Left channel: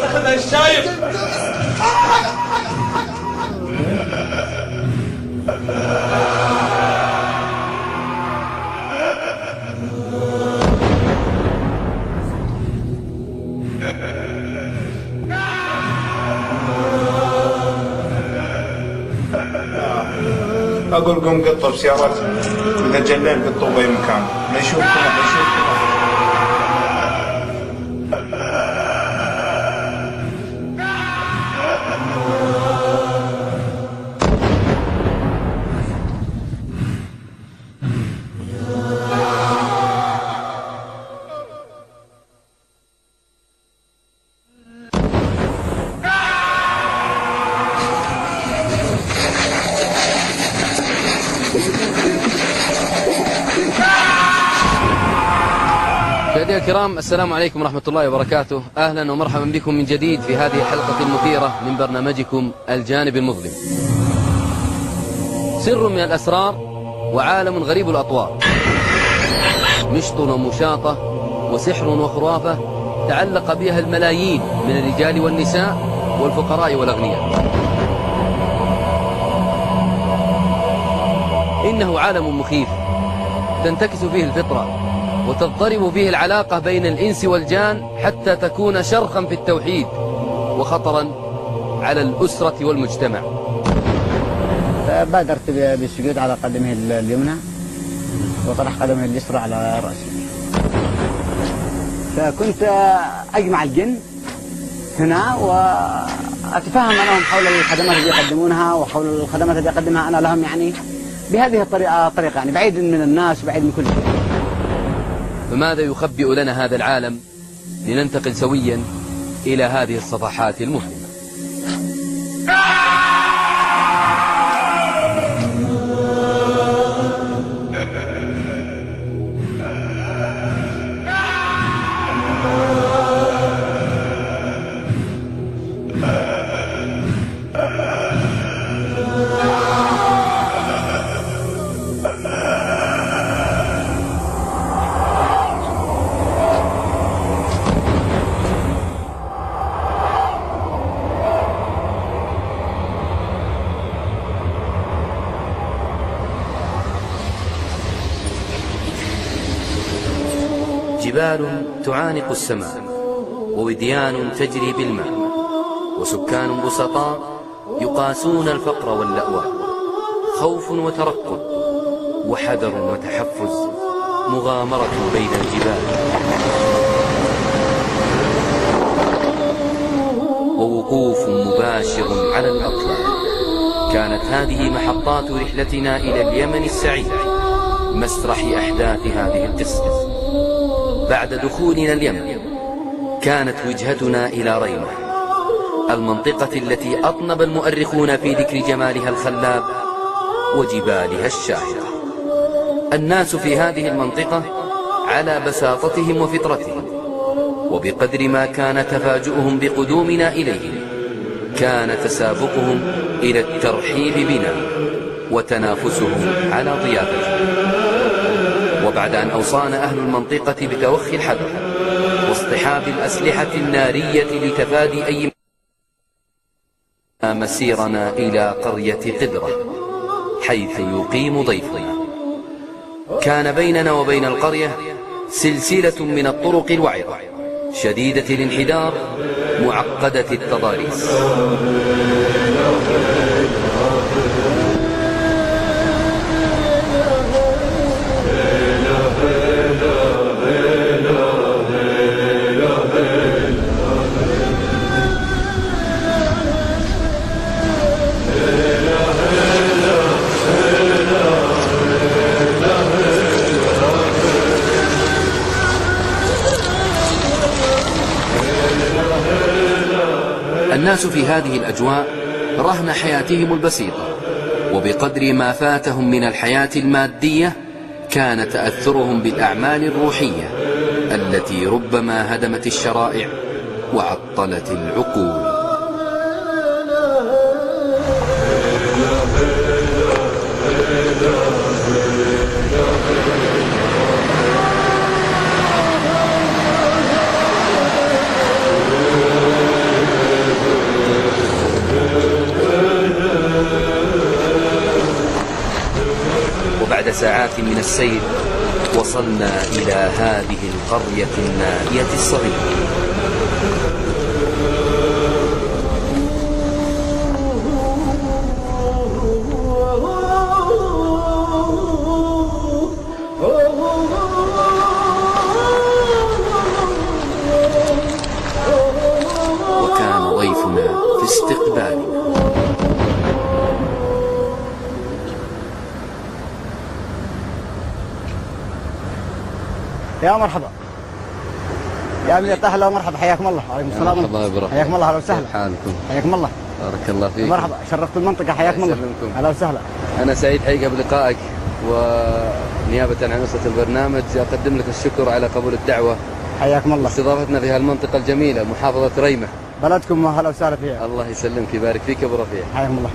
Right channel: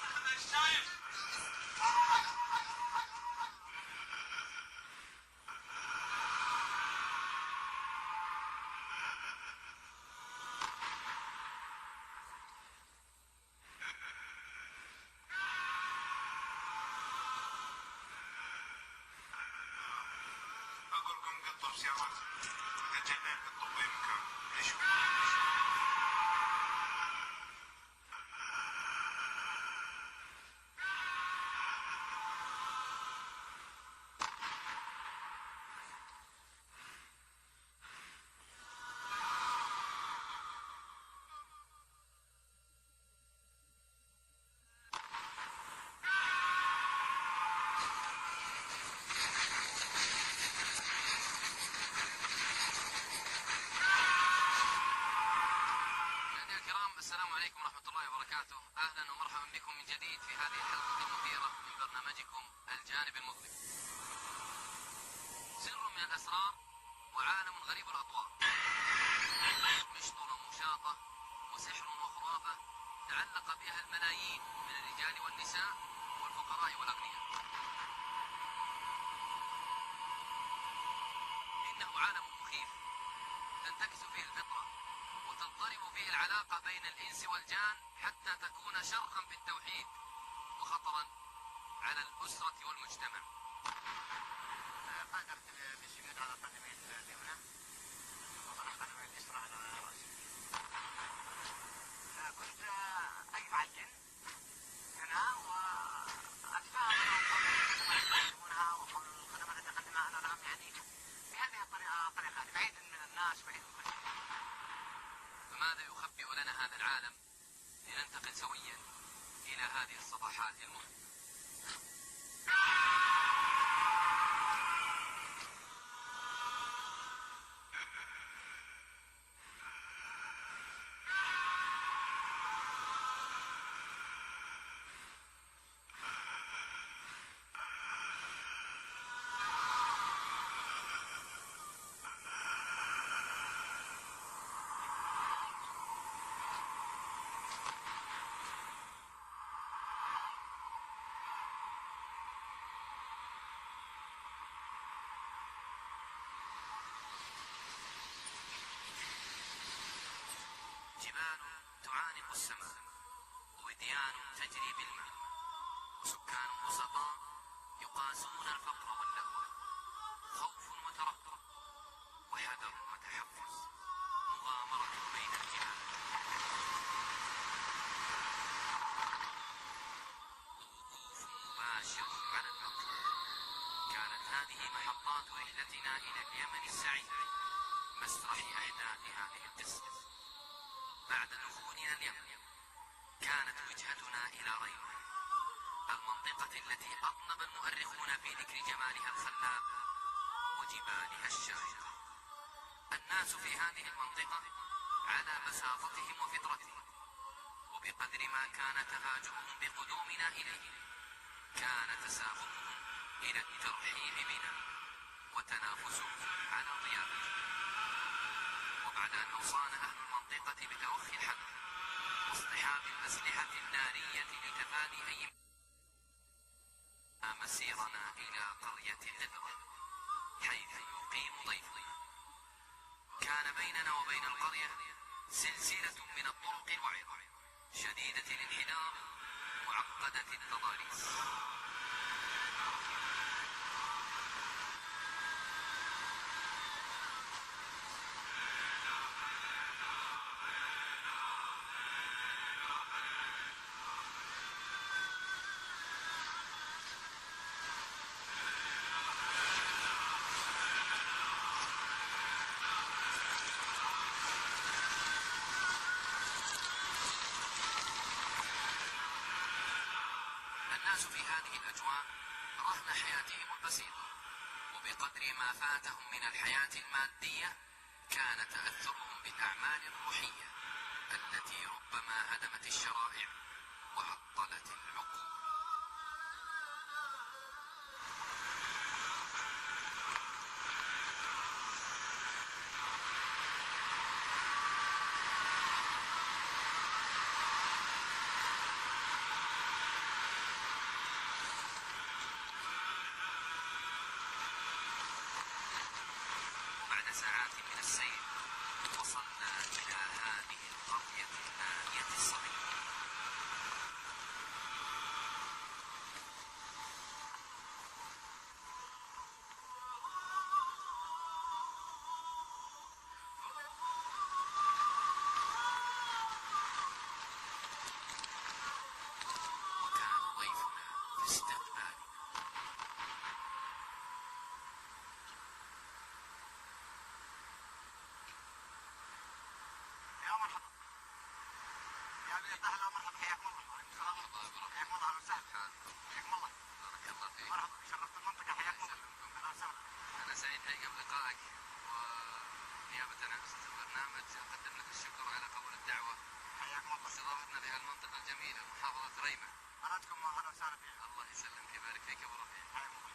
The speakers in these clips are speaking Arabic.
تاخذها الشايب. اقول قوم قطوا بسيارات، اذا جلين قطوا باي مكان ما يشوفكم ما يشوفكم. مشاهدينا الكرام، السلام عليكم ورحمة الله وبركاته. أهلا ومرحبا بكم من جديد في هذه الحلقة المثيرة من برنامجكم الجانب المظلم. سر من الأسرار وعالم غريب الأطوار، مشط ومشاطة وسحر وخرافة تعلق بها الملايين من الرجال والنساء والفقراء والأغنياء. إنه عالم مخيف تنتكس فيه الفطرة وتضطرب فيه العلاقة بين الإنس والجان حتى تكون شرخا في التوحيد وخطرا على الأسرة والمجتمع. بادرت بالسجود على قدمه اليمنى وطرح قدمه اليسرى على رأسه، فكنت أجمع الجن هنا وأتفاهم معهم حول الخدمات التي يقدمونها وحول الخدمات التي أقدمها أنا لهم، يعني بهذه الطريقة يعني بعيد من الناس وبعيد من كل شيء. فماذا يخبئ لنا هذا العالم؟ لننتقل سويا إلى هذه الصفحات المظلمة. جبال تعانق السماء ووديان تجري بالماء وسكان بسطاء يقاسون الفقر واللأواء، خوف وترقب وحذر وتحفز، مغامرة بين الجبال ووقوف مباشر على الأطلال. كانت هذه محطات رحلتنا إلى اليمن السعيد، مسرح أحداث هذه القصة. بعد دخولنا اليمن كانت وجهتنا إلى ريمة، المنطقة التي أطنب المؤرخون في ذكر جمالها الخلاب وجبالها الشاهقة. الناس في هذه المنطقة على بساطتهم وفطرتهم، وبقدر ما كان تفاجؤهم بقدومنا إليهم كان تسابقهم إلى الترحيب بنا وتنافسهم على ضيافتنا. وبعد أن أوصانا أهل المنطقة بتوخي الحذر واصطحاب الأسلحة النارية لتفادي أي مسيرنا إلى قرية قدرة حيث يقيم ضيفنا. كان بيننا وبين القرية سلسلة من الطرق الوعرة شديدة الانحدار معقدة التضاريس. الناس في هذه الأجواء رهن حياتهم البسيطة، وبقدر ما فاتهم من الحياة المادية كان تأثرهم بالأعمال الروحية التي ربما هدمت الشرائع وعطلت العقول. وبعد ساعات من السير وصلنا إلى هذه القرية النائية الصغيرة. وكان ضيفنا في استقبالنا. يا مرحبا يا أمير، أهلا ومرحبا، حياكم الله. وعليكم السلام. مرحبا يا برا. حياكم الله، أهلا وسهلا. كيف حالكم؟ حياكم الله. بارك الله فيك. مرحبا، شرفت المنطقة، حياكم الله. يسلمكم. أهلا وسهلا. أنا سعيد حقيقة بلقائك، ونيابة عن أسرة البرنامج أقدم لك الشكر على قبول الدعوة حياكم الله. واستضافتنا في هالمنطقة الجميلة محافظة ريمة. بلدكم أهلا وسهلا فيها. الله يسلمك ويبارك فيك يا أبو رفيع. حياكم الله.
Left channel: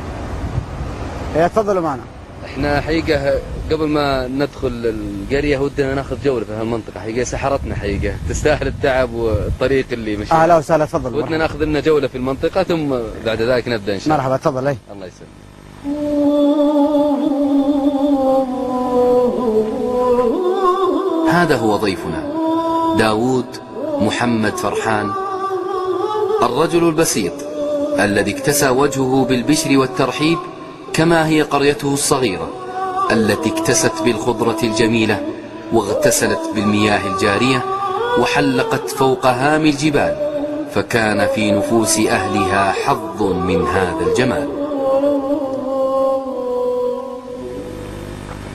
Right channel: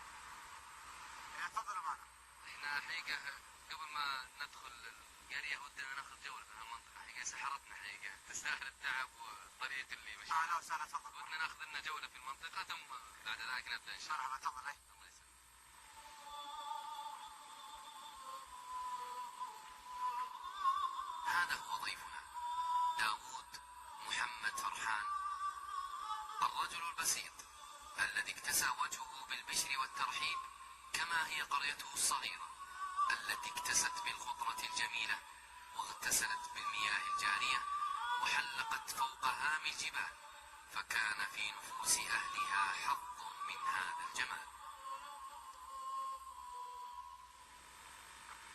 إيه، تفضلوا معنا. احنا حقيقة قبل ما ندخل القرية ودنا ناخذ جولة في هالمنطقة، حقيقة سحرتنا، حقيقة تستاهل التعب والطريق اللي مشينا. أهلا وسهلا، تفضل. ودنا ناخذ لنا جولة في المنطقة ثم بعد ذلك نبدأ إن شاء الله. مرحبا، تفضل. أي الله يسلمك. هذا هو ضيفنا داوود محمد فرحان، الرجل البسيط الذي اكتسى وجهه بالبشر والترحيب، كما هي قريته الصغيرة التي اكتست بالخضرة الجميلة واغتسلت بالمياه الجارية وحلقت فوق هام الجبال، فكان في نفوس أهلها حظ من هذا الجمال.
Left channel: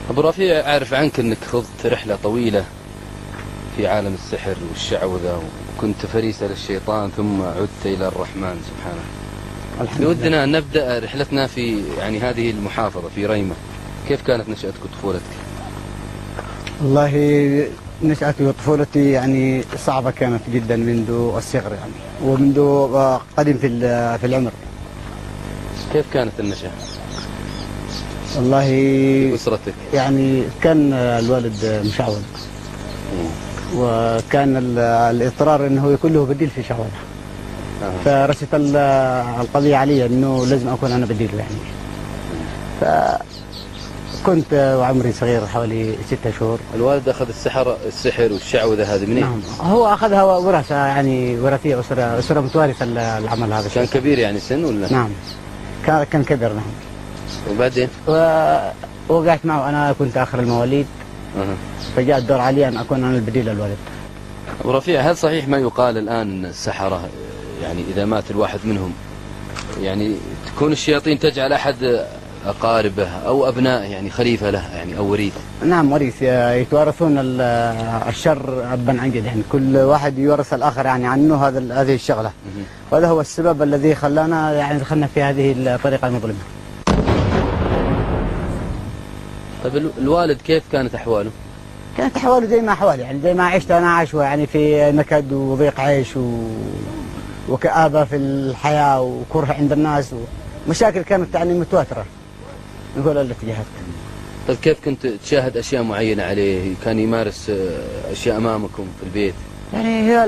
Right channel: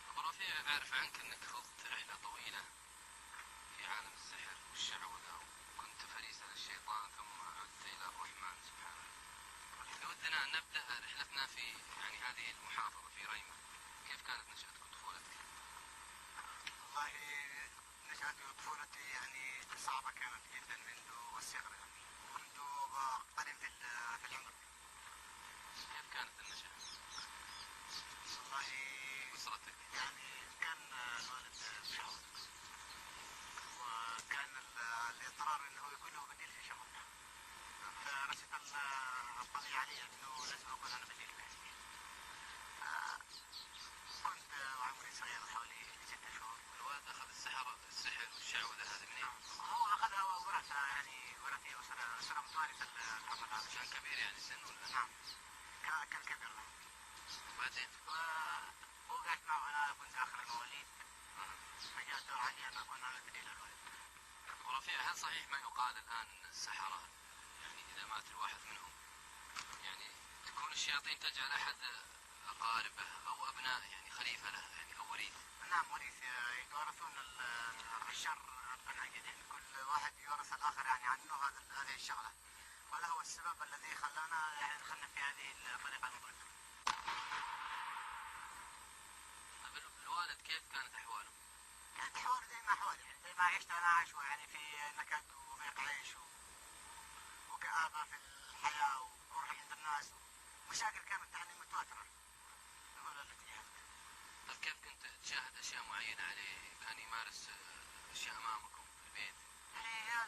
أبو رفيع، أعرف عنك أنك خضت رحلة طويلة في عالم السحر والشعوذة، وكنت فريسة للشيطان ثم عدت إلى الرحمن سبحانه. بودنا أن نبدأ رحلتنا في هذه المحافظة في ريمة. كيف كانت نشأتك وطفولتك؟ والله نشأتي وطفولتي صعبة كانت جدا منذ الصغر ومنذ قديم في العمر. كيف كانت النشأة؟ والله في أسرتك؟ كان الوالد مشعوذ، وكان الإصرار أنه يكون له بديل في شعوذة. فرست القضية علي أنه لازم أكون أنا بديله فكنت وعمري صغير حوالي 6 شهور. الوالد أخذ السحر والشعوذة هذه منين؟ نعم، هو أخذها ورثة وراثية، أسرة متوارثة العمل هذا. كان كبير سن ولا؟ نعم، كان كبير. نعم. وبعدين؟ وقعت معه، أنا كنت آخر المواليد. فجاء الدور علي أن أكون أنا البديل للوالد. أبو رفيع، هل صحيح ما يقال الآن السحرة إذا مات الواحد منهم تكون الشياطين تجعل أحد أقاربه أو أبنائه خليفة له أو وريث؟ نعم، وريث، يتوارثون الشر أبا عن جد، كل واحد يورث الآخر عنه هذه الشغلة. وهذا هو السبب الذي خلانا دخلنا في هذه الطريقة المظلمة. طيب الوالد كيف كانت أحواله؟ كانت أحواله زي ما أحوالي، زي ما عشت أنا عايشه، في نكد وضيق عيش وكآبة في الحياة وكره عند الناس ومشاكل كانت متواترة من كل الاتجاهات. طيب كيف كنت تشاهد أشياء معينة عليه؟ كان يمارس أشياء أمامكم في البيت؟ هي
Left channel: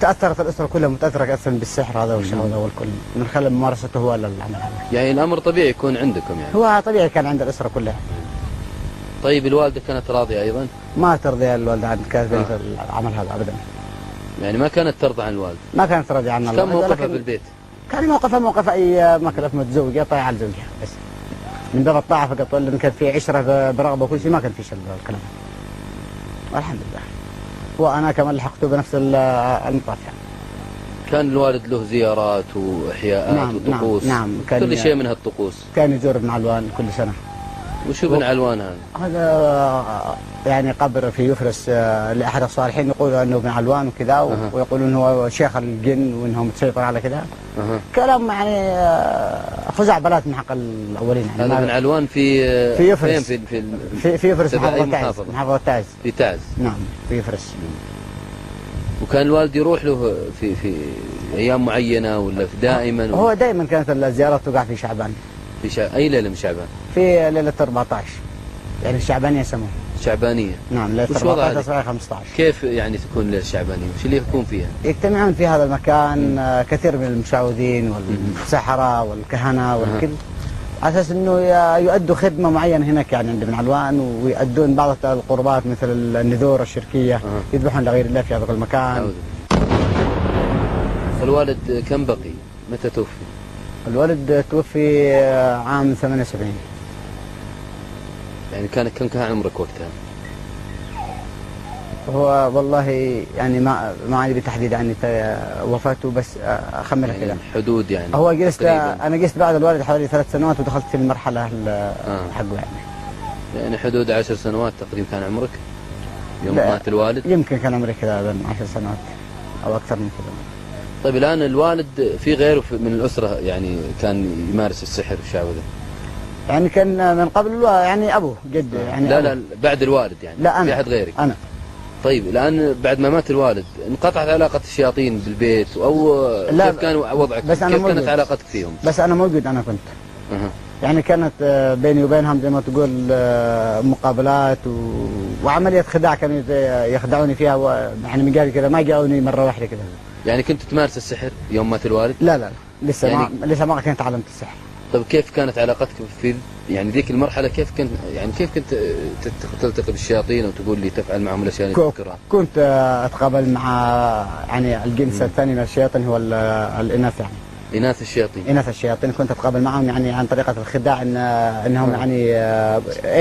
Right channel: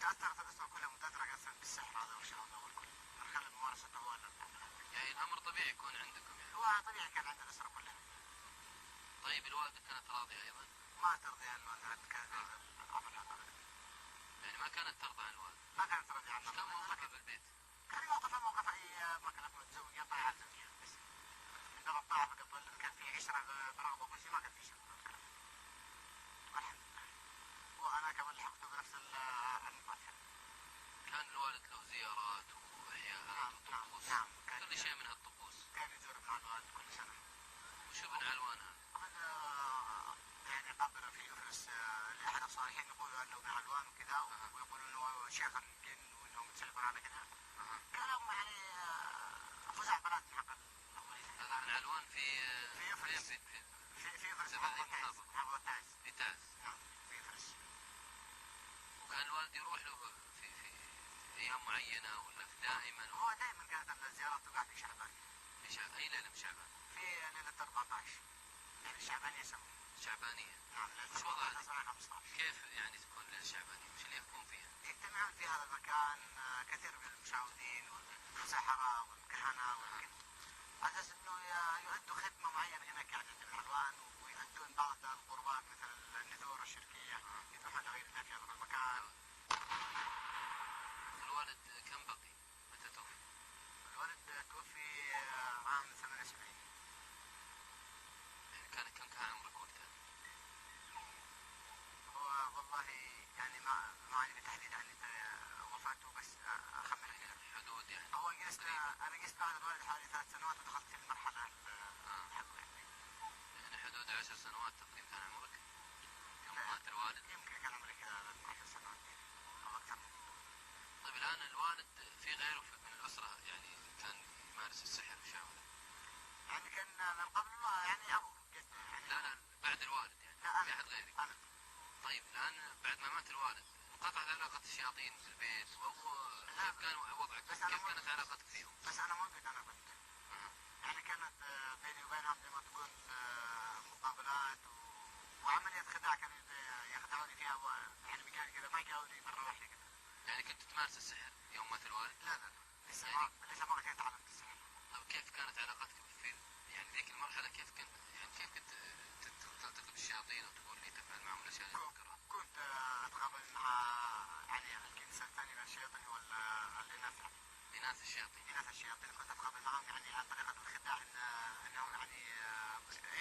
تأثرت الأسرة كلها متأثرة أصلا بالسحر هذا والشعوذة والكل من خلال ممارسته هو للعمل هذا. الأمر طبيعي يكون عندكم هو طبيعي كان عند الأسرة كلها. طيب الوالدة كانت راضية أيضا؟ ما ترضي الوالدة عن العمل هذا أبدا. ما كانت ترضى عن الوالد؟ ما كانت راضية عن الوالد. كم موقفها في البيت؟ كان موقفها موقف أي مكلف متزوجة طايعة على زوجها بس. من باب الطاعة فقط، ولا كان في عشرة برغبة وكل شيء، ما كان فيش الكلام. والحمد لله. وأنا كمان لحقته بنفس المطاف. كان الوالد له زيارات وإحياءات وطقوس؟ نعم. كل شيء من هالطقوس؟ كان يزور ابن علوان كل سنة. وشو ابن علوان هذا؟ هذا قبر في يفرس لأحد الصالحين، يقولوا أنه ابن علوان وكذا، ويقولون هو شيخ الجن وأنه متسيطر على كذا. كلام خزعبلات من حق الأولين. هذا ابن علوان في يفرس. فين؟ في يفرس، محافظة تعز. في تعز. نعم، في يفرس. وكان الوالد يروح له في أيام معينة ولا دائما؟ هو دائما كانت الزيارات تقع في شعبان. أي ليلة من شعبان؟ في ليلة 14، الشعبانية يسموها. شعبانية؟ نعم، ليلة 14 15. كيف تكون ليلة شعبانية؟ وش اللي يكون فيها؟ يجتمعون في هذا المكان كثير من المشعوذين والسحرة والكهنة والكل، على اساس انه يؤدوا خدمه معينه هناك يعني عند بن علوان، ويؤدون بعض القربات مثل النذور الشركيه، يذبحون لغير الله في هذا المكان. الوالد كم بقي؟ متى توفي؟ الوالد توفي عام 78. يعني كان عمرك وقتها؟ هو والله يعني ما عندي بالتحديد يعني وفاته، بس اخمن يعني كذا حدود يعني. هو جلست تقريباً. انا جلست بعد الوالد حوالي 3 سنوات ودخلت في المرحله حقه يعني حدود 10 سنوات تقريبا كان عمرك يوم لا، مات الوالد؟ يمكن كان عمري كذا 10 سنوات او اكثر من كذا. طيب الآن الوالد في غيره من الأسرة يعني كان يمارس السحر والشعوذة؟ يعني كان من قبل يعني ابوه جد يعني لا أبوه. لا بعد الوالد يعني؟ لا انا في أحد غيرك؟ انا. طيب الآن بعد ما مات الوالد انقطعت علاقة الشياطين بالبيت أو لا، كيف كان وضعك؟ بس أنا كيف كانت موجود. علاقتك فيهم؟ بس انا موجود، انا كنت أها. يعني كانت بيني وبينهم زي ما تقول مقابلات وعمليه خداع كانوا يخدعوني فيها يعني من قبل كذا، ما جاوني مره واحده كذا. يعني كنت تمارس السحر يوم مات الوالد؟ لا لا لسه يعني لسه ما كنت تعلمت السحر. طيب كيف كانت علاقتك في يعني ذيك المرحلة؟ كيف كنت تلتقي بالشياطين وتقول لي تفعل معهم الأشياء اللي تذكرها؟ كنت اتقابل مع يعني الجنس الثاني من الشياطين، هو الاناث يعني. إناث الشياطين؟ إناث الشياطين كنت أتقابل معهم يعني عن طريقة الخداع، إنهم يعني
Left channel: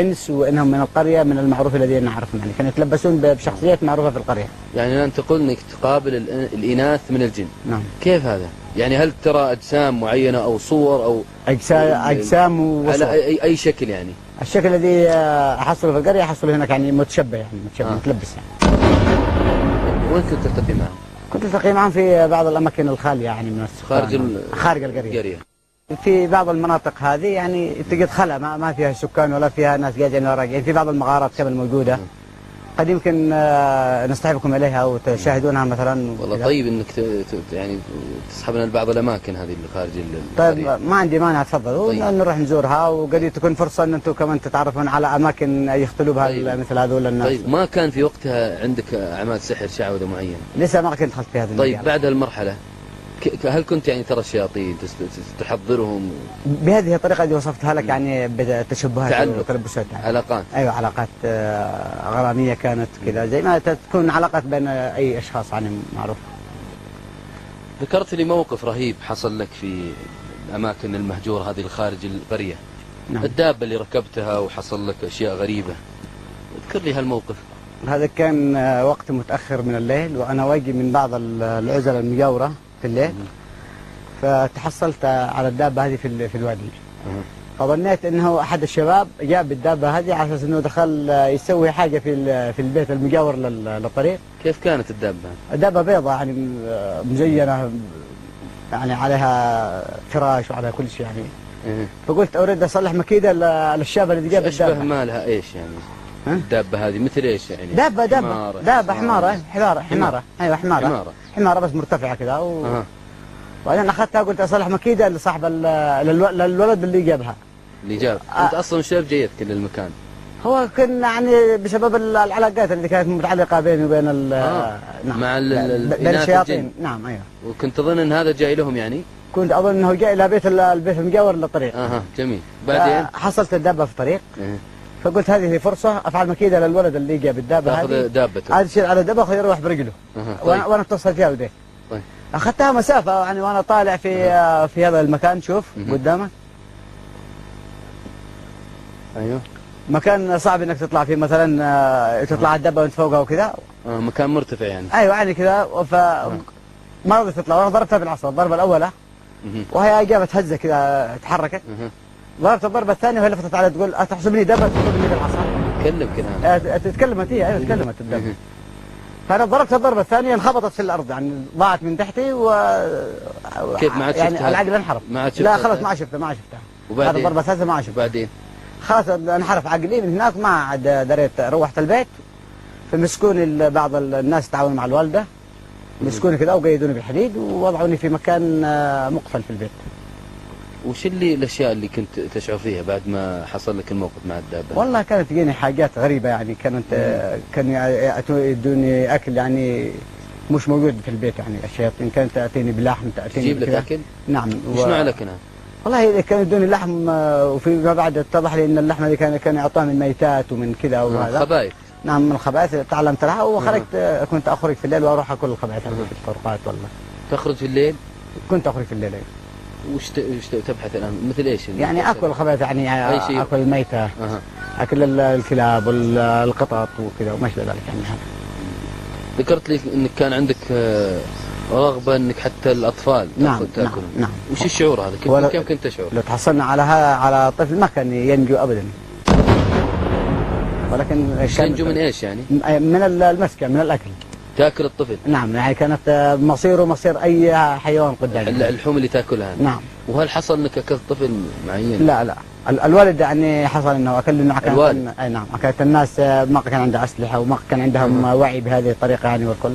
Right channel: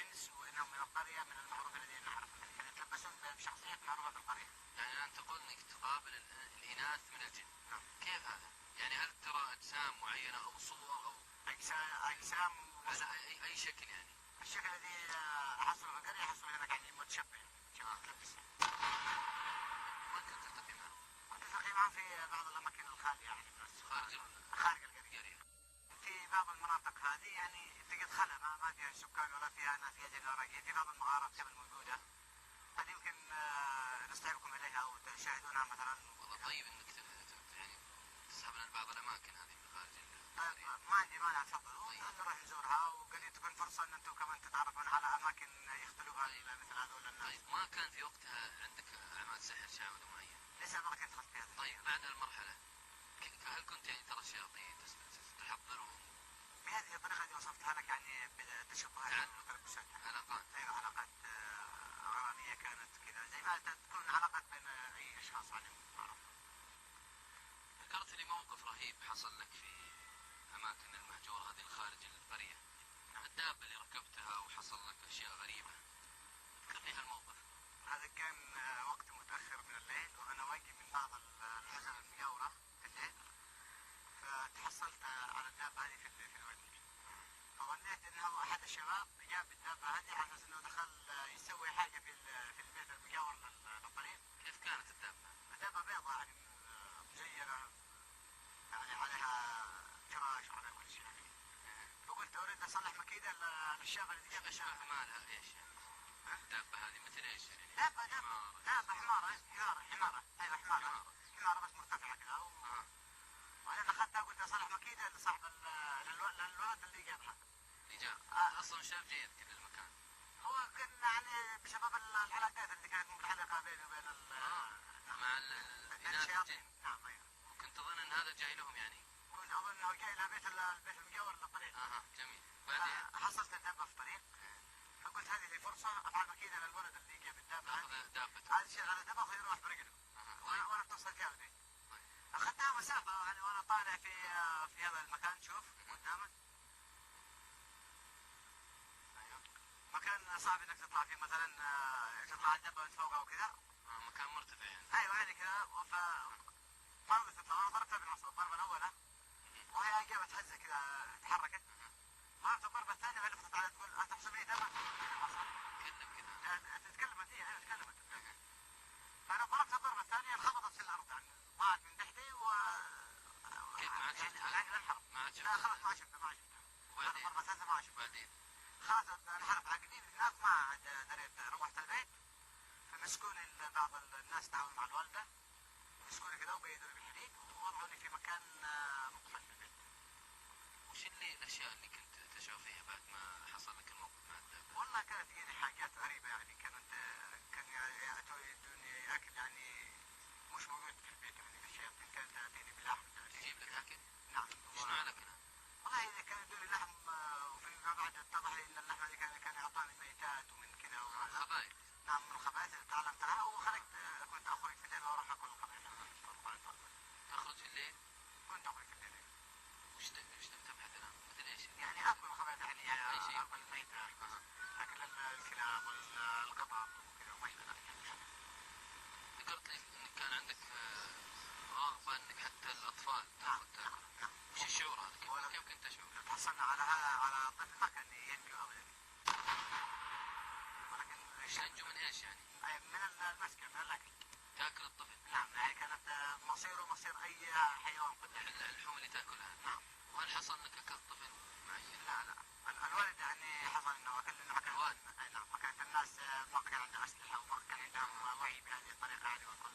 إنس، وإنهم من القرية من المعروف الذين نعرفهم، يعني كانوا يتلبسون بشخصيات معروفة في القرية. يعني أنت تقول إنك تقابل الإناث من الجن؟ نعم. كيف هذا؟ يعني هل ترى أجسام معينة أو صور أو أجسام وصور على أي شكل يعني؟ الشكل الذي أحصله في القرية أحصله هناك يعني متشبه، يعني متشبه متلبس يعني. وين كنت تلتقي معهم؟ كنت ألتقي معهم في بعض الأماكن الخالية يعني من السكان، خارج القرية. في بعض المناطق هذه يعني تجد خلا ما فيها سكان ولا فيها ناس قاعدين ولا راجعين، في بعض المغارات كمان موجودة، قد يمكن نصطحبكم إليها وتشاهدونها مثلا. والله طيب إنك يعني تسحبنا لبعض الأماكن هذه اللي خارج طيب ما عندي مانع، تفضلوا طيب. نروح نزورها، وقد تكون فرصة أن أنتم كمان تتعرفون على أماكن يختلوا بها طيب. مثل هذول الناس. طيب ما كان في وقتها عندك أعمال سحر شعوذة معينة؟ لسه ما كنت دخلت في هذه طيب بعد المرحلة هل كنت يعني ترى الشياطين تحضرهم بهذه الطريقة اللي وصفتها لك يعني بتشبهات وتلبسات يعني. علاقات؟ أيوة علاقات غرامية كانت كذا، زي ما تكون علاقات بين أي أشخاص يعني معروف. ذكرت لي موقف رهيب حصل لك في الأماكن المهجورة هذه الخارج القرية. نعم. الدابة اللي ركبتها وحصل لك أشياء غريبة، اذكر لي هالموقف. هذا كان وقت متأخر من الليل، وأنا واجي من بعض العزل المجاورة في الليل، فتحصلت على الدابة هذه في الوادي. فظنيت انه احد الشباب جاء بالدابة هذه على اساس انه دخل يسوي حاجة في البيت المجاور للطريق. كيف كانت الدابة؟ الدابة بيضاء يعني مزينة، يعني عليها فراش وعلى كل شيء يعني. فقلت اريد اصلح مكيدة للشاب الذي جاء بالدابة. اشبه مالها ايش يعني؟ الدابة هذه مثل ايش يعني؟ دابة حمارة. ايوه حمارة بس مرتفعة كذا وبعدين اخذتها قلت اصلح مكيدة لصاحب للولد اللي جابها. اللي جاب انت اصلا شاب جيتك للمكان؟ هو كان يعني بسبب العلاقات اللي كانت متعلقة بيني وبين نعم مع بين الشياطين. نعم ايوه. وكنت تظن ان هذا جاي لهم يعني؟ كنت اظن انه جاء الى البيت المجاور للطريق. جميل. بعدين حصلت الدابة في الطريق. فقلت هذه فرصة افعل مكيدة للولد اللي جاء بالدابة هذه. تاخذ دابته. عاد يصير على دابة يروح برجله. طيب. وانا اتصل فيها البيت. طيب. اخذتها مسافة يعني وانا طالع في هذا المكان. شوف قدامك. ايوه. مكان صعب انك تطلع فيه مثلا، تطلع الدابة وانت فوقها وكذا. مكان مرتفع يعني. ايوه يعني كذا ما رضيت تطلع، وانا ضربتها بالعصا الضربة الأولى وهي جابت هزة كذا تحركت. ضربت الضربة الثانية وهي لفتت علي تقول أتحسبني دابة تضربني بالعصا. تتكلم كذا. تتكلمت هي. ايوه تكلمت الدابة. فأنا ضربت الضربة الثانية انخبطت في الأرض يعني ضاعت من تحتي كيف ما عاد شفتها؟ يعني العقل انحرف. لا خلاص ما شفتها. وبعدين؟ هذا الضربة الثالثة ما شفتها. وبعدين؟ خلاص انحرف عقلي من هناك، ما عاد دريت. روحت البيت فمسكوني بعض الناس تعاونوا مع الوالدة، مسكوني كذا وقيدوني بالحديد ووضعوني في مكان مقفل في البيت. وش الاشياء اللي كنت تشعر فيها بعد ما حصل لك الموقف مع الدابة؟ والله كانت تجيني حاجات غريبة يعني، كانوا يدوني اكل يعني مش موجود في البيت يعني. الشياطين كانت تاتيني بلحم، تاتيني تجيب لك اكل؟ نعم. شنو على كنا؟ والله كانوا يدوني لحم، وفيما بعد اتضح لي ان اللحمه دي كانوا يعطوها من ميتات ومن كذا وهذا. خبائث. نعم من الخبائث تعلمت لها، وخرجت كنت اخرج في الليل واروح اكل الخبائث في الطرقات. والله تخرج في الليل؟ كنت اخرج في الليل. وش تبحث الان مثل ايش؟ يعني اكل الخبائث، يعني أي شيء. اكل الميته، اكل الكلاب والقطط وكذا وما شابه ذلك يعني. ذكرت لي انك كان عندك رغبه انك حتى الاطفال نعم تاكلهم. نعم. وش الشعور هذا؟ كيف كنت تشعر؟ لو تحصلنا على طفل ما كان ينجو ابدا. ولكن ينجو من ايش يعني؟ من المسكه، من الاكل. تاكل الطفل؟ نعم، يعني كانت مصيره مصير اي حيوان قدامي. اللحوم اللي تاكلها؟ نعم. وهل حصل انك اكلت طفل معين؟ لا الوالد يعني حصل انه اكل، انه الوالد؟ اي نعم. كانت الناس ما كان عندها اسلحه وما كان عندهم وعي بهذه الطريقه يعني والكل.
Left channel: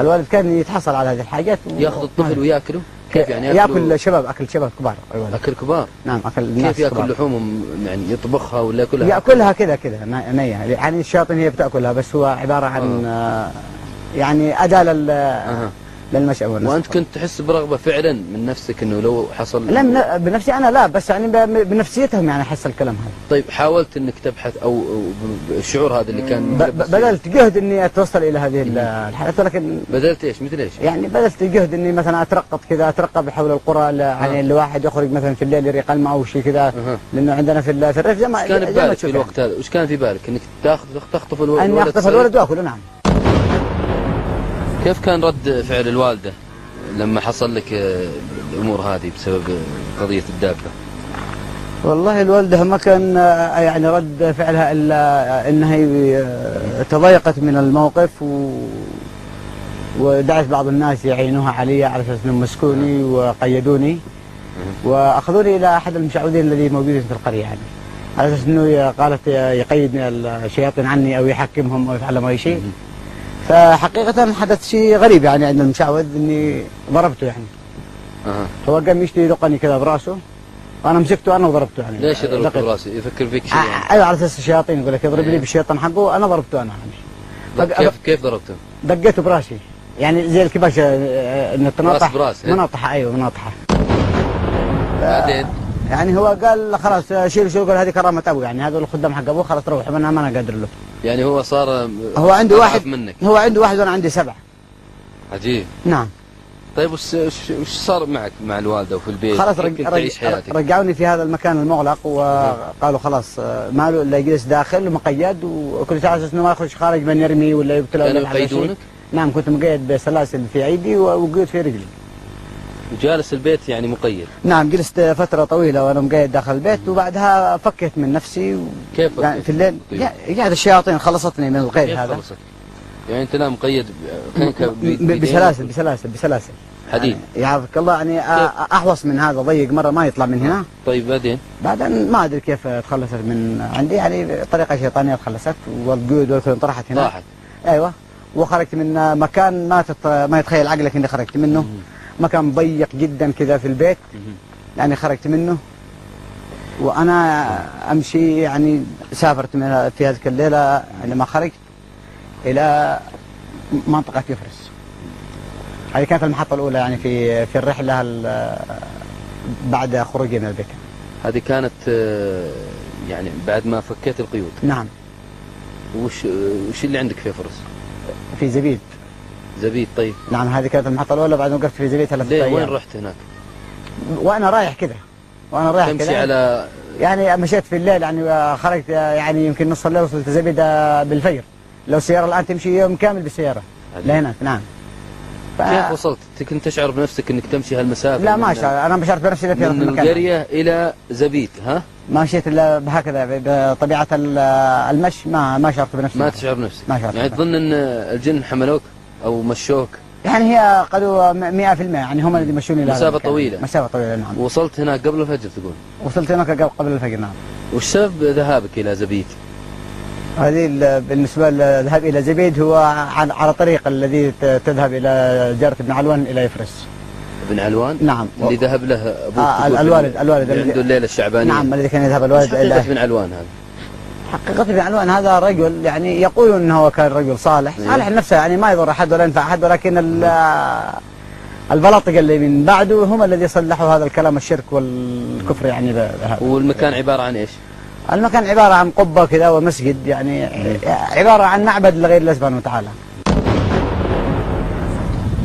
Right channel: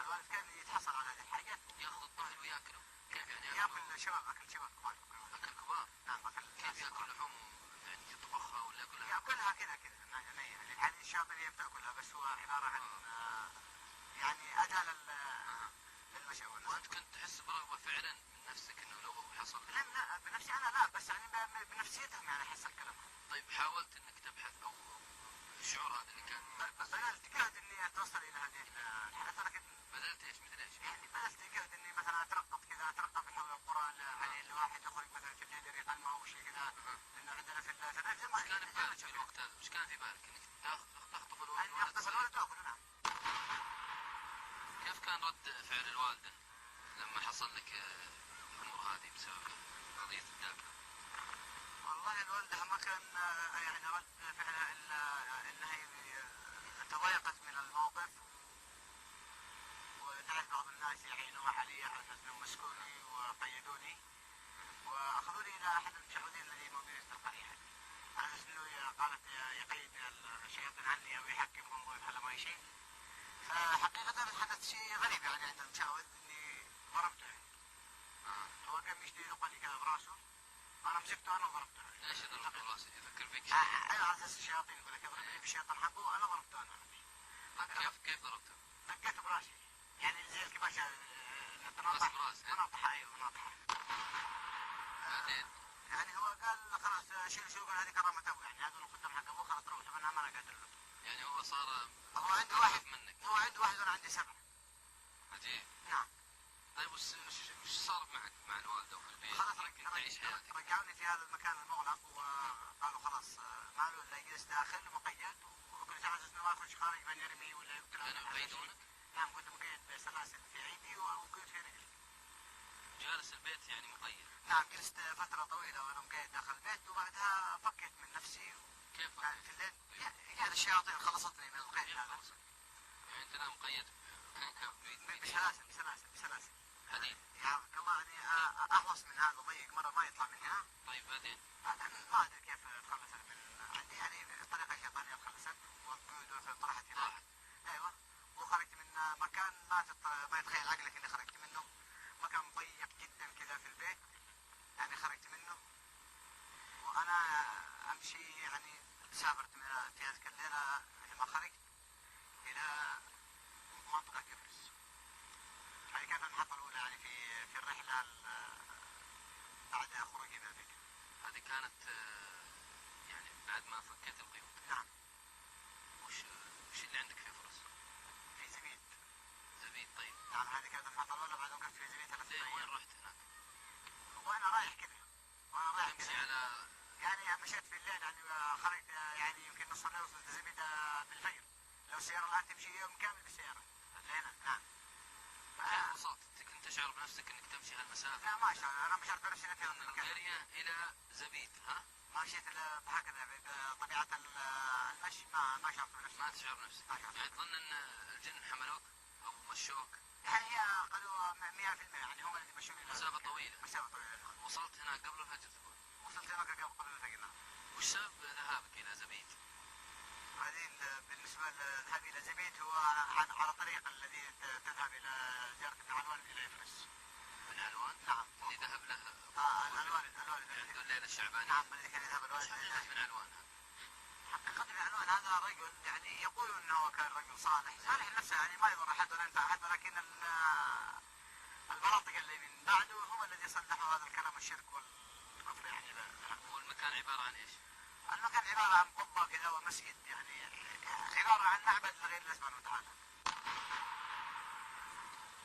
الوالد كان يتحصل على هذه الحاجات ياخذ الطفل وياكله؟ كيف يعني ياكل شباب، اكل شباب كبار. اكل كبار؟ نعم اكل الناس. كيف ياكل لحومهم يعني؟ يطبخها ولا ياكلها؟ ياكلها كذا نيه، يعني الشياطين هي بتاكلها، بس هو عباره عن يعني اداه للمشأة والنسب. وانت كنت تحس برغبه فعلا من نفسك انه لو حصل؟ لا بنفسي انا لا، بس يعني بنفسيتهم يعني احس الكلام هذا. طيب حاولت انك تبحث او الشعور هذا اللي كان بذلت جهد اني اتوصل الى هذه الحالات، ولكن بذلت ايش؟ مثل ايش؟ يعني بذلت جهد اني مثلا اترقب حول القرى، يعني الواحد يخرج مثلا في الليل يريق الماء او شيء كذا، لانه عندنا في الريف زي ما وش كان في بالك في الوقت هذا؟ وش كان في بالك؟ انك تخطف الولد؟ اني اخطف الولد واكله. نعم. كيف كان رد فعل الوالده لما حصل لك الامور هذه بسبب قضيه الدابه؟ والله الوالده ما كان يعني رد فعلها الا انها تضايقت من الموقف ودعت بعض الناس يعينوها علي على اساس انهم مسكوني وقيدوني واخذوني الى احد المشعوذين الذي موجودين في القريه، يعني على اساس انه قالت يقيدني الشياطين عني او يحكمهم او يفعل اي شيء. فحقيقة حدث شيء غريب يعني عند المشعوذ، اني ضربته يعني. هو قام يشتي يدقني كذا براسه وانا مسكته انا وضربته يعني. ليش ضربته براسه؟ يفكر فيك شيء يعني؟ ايوه على اساس الشياطين يقول لك يضرب لي بالشيطان حقه، انا ضربته انا يعني. كيف ضربته؟ دقيته براسي يعني زي الكباش انه تناطح مناطحه. ايوه مناطحه. بعدين يعني هو قال خلاص شيلوا، قال هذه كرامه ابوه، يعني هذول الخدام حق ابوه، خلاص روحوا انا ما انا قادر له. يعني هو صار هو عنده واحد منك. هو عنده واحد وانا عندي 7. عجيب. نعم. طيب وش صار معك مع الوالده وفي البيت؟ خلاص تعيش حياتك؟ رجعوني في هذا المكان المغلق وقالوا خلاص ما له الا يجلس داخل ومقيد، وكل ساعه اساس انه ما يخرج خارج من يرمي ولا يقتل. كانوا يقيدونك؟ نعم كنت مقيد بسلاسل في ايدي وقيد في رجلي. وجالس البيت يعني مقيد؟ نعم جلست فتره طويله وانا مقيد داخل البيت، وبعدها فكيت من نفسي كيف فكيت؟ يعني في الليل يعني الشياطين خلصتني من القيد هذا. خلصت؟ يعني انت لا مقيد بسلاسل حديد؟ يعافك الله، يعني احوص من هذا ضيق مره ما يطلع من هنا. طيب بعدين ما ادري كيف تخلصت من عندي، يعني طريقه شيطانيه تخلصت، والقيود والكل انطرحت هنا. راحت؟ ايوه. وخرجت من مكان ما يتخيل عقلك اني خرجت منه. مكان ضيق جدا كذا في البيت، يعني خرجت منه وانا امشي، يعني سافرت في هذيك الليله عندما خرجت الى منطقه يفرس. هذه كانت المحطه الاولى يعني في الرحله بعد خروجي من البيت. هذه كانت يعني بعد ما فكيت القيود؟ نعم. وش اللي عندك في فرس؟ في زبيد. زبيد. طيب. نعم هذه كانت المحطة الأولى، بعد ما وقفت في زبيد 3 أيام. وين رحت هناك؟ وأنا رايح كذا. تمشي على يعني مشيت في الليل، يعني خرجت يعني يمكن نص الليل وصلت زبيد بالفجر. لو السيارة الآن تمشي يوم كامل بالسيارة لهناك. نعم. كيف وصلت؟ كنت تشعر بنفسك انك تمشي هالمسافة؟ لا ما شعر، أنا ما شعرت بنفسي في من القرية إلى زبيد. ما مشيت إلا بهكذا بطبيعة المشي، ما شعرت بنفسي. ما تشعر بنفسك؟ ما شعرت. يعني تظن ان الجن حملوك او مشوك؟ يعني هي قالوا 100%، يعني هم اللي مشوني. مسافة طويلة. مسافة طويلة. نعم. وصلت هناك قبل الفجر تقول؟ وصلت هناك قبل الفجر. نعم. وش سبب ذهابك إلى زبيد؟ هذه بالنسبة للذهاب إلى زبيد هو على طريق الذي تذهب إلى جارة ابن علوان إلى يفرس. ابن علوان؟ نعم. اللي ذهب له أبوك؟ الوالد اللي عنده الليلة الشعبانية. نعم الذي كان يذهب الوالد إلى ابن علوان. هذا حقيقة ابن علوان هذا رجل يعني يقولون أنه كان رجل صالح. صالح لنفسه، يعني ما يضر أحد ولا ينفع أحد، ولكن البلاطق اللي من بعده هم الذي صلحوا هذا الكلام الشرك والكفر يعني بهذا. والمكان عبارة عن إيش؟ المكان عبارة عن قبة كذا ومسجد، يعني عبارة عن معبد لغير الله سبحانه وتعالى،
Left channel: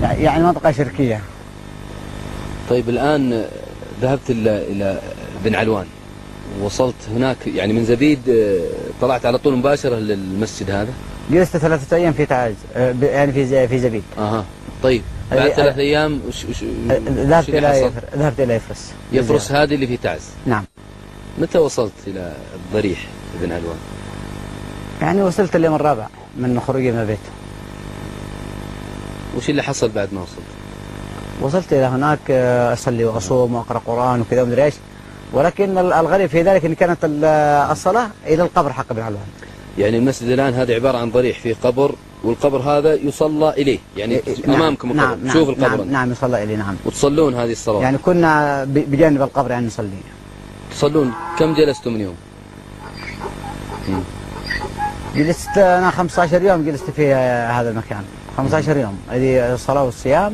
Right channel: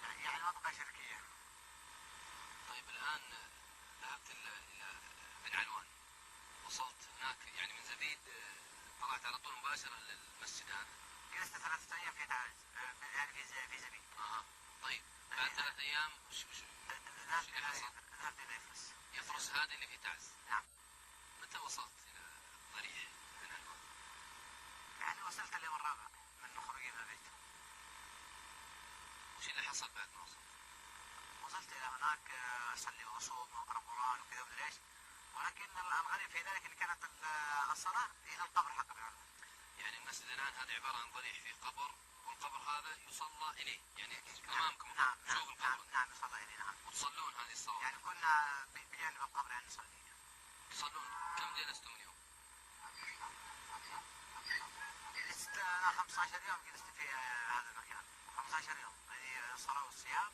يعني منطقة شركية. طيب الآن ذهبت إلى بن علوان، وصلت هناك يعني من زبيد طلعت على طول مباشرة للمسجد هذا؟ جلست 3 أيام في تعاز، يعني في زبيد. طيب بعد 3 أيام ذهبت إلى يفرس. يفرس هذه اللي في تعز؟ نعم. متى وصلت إلى الضريح بن علوان؟ يعني وصلت اليوم الرابع من خروجي من البيت. وش اللي حصل بعد ما وصلت؟ وصلت إلى هناك أصلي وأصوم وأقرأ قرآن وكذا ومدري إيش، ولكن الغريب في ذلك أن كانت الصلاة إلى القبر حق بن علوان. يعني المسجد الآن هذا عبارة عن ضريح في قبر، والقبر هذا يصلى إليه، يعني أمامكم القبر. نعم شوف القبر. نعم يصلى إليه. نعم. وتصلون هذه الصلاة؟ يعني كنا بجانب القبر يعني نصلي. تصلون كم جلستم اليوم؟ جلست أنا 15 يوم جلست في هذا المكان، 15 يوم، هذه الصلاة والصيام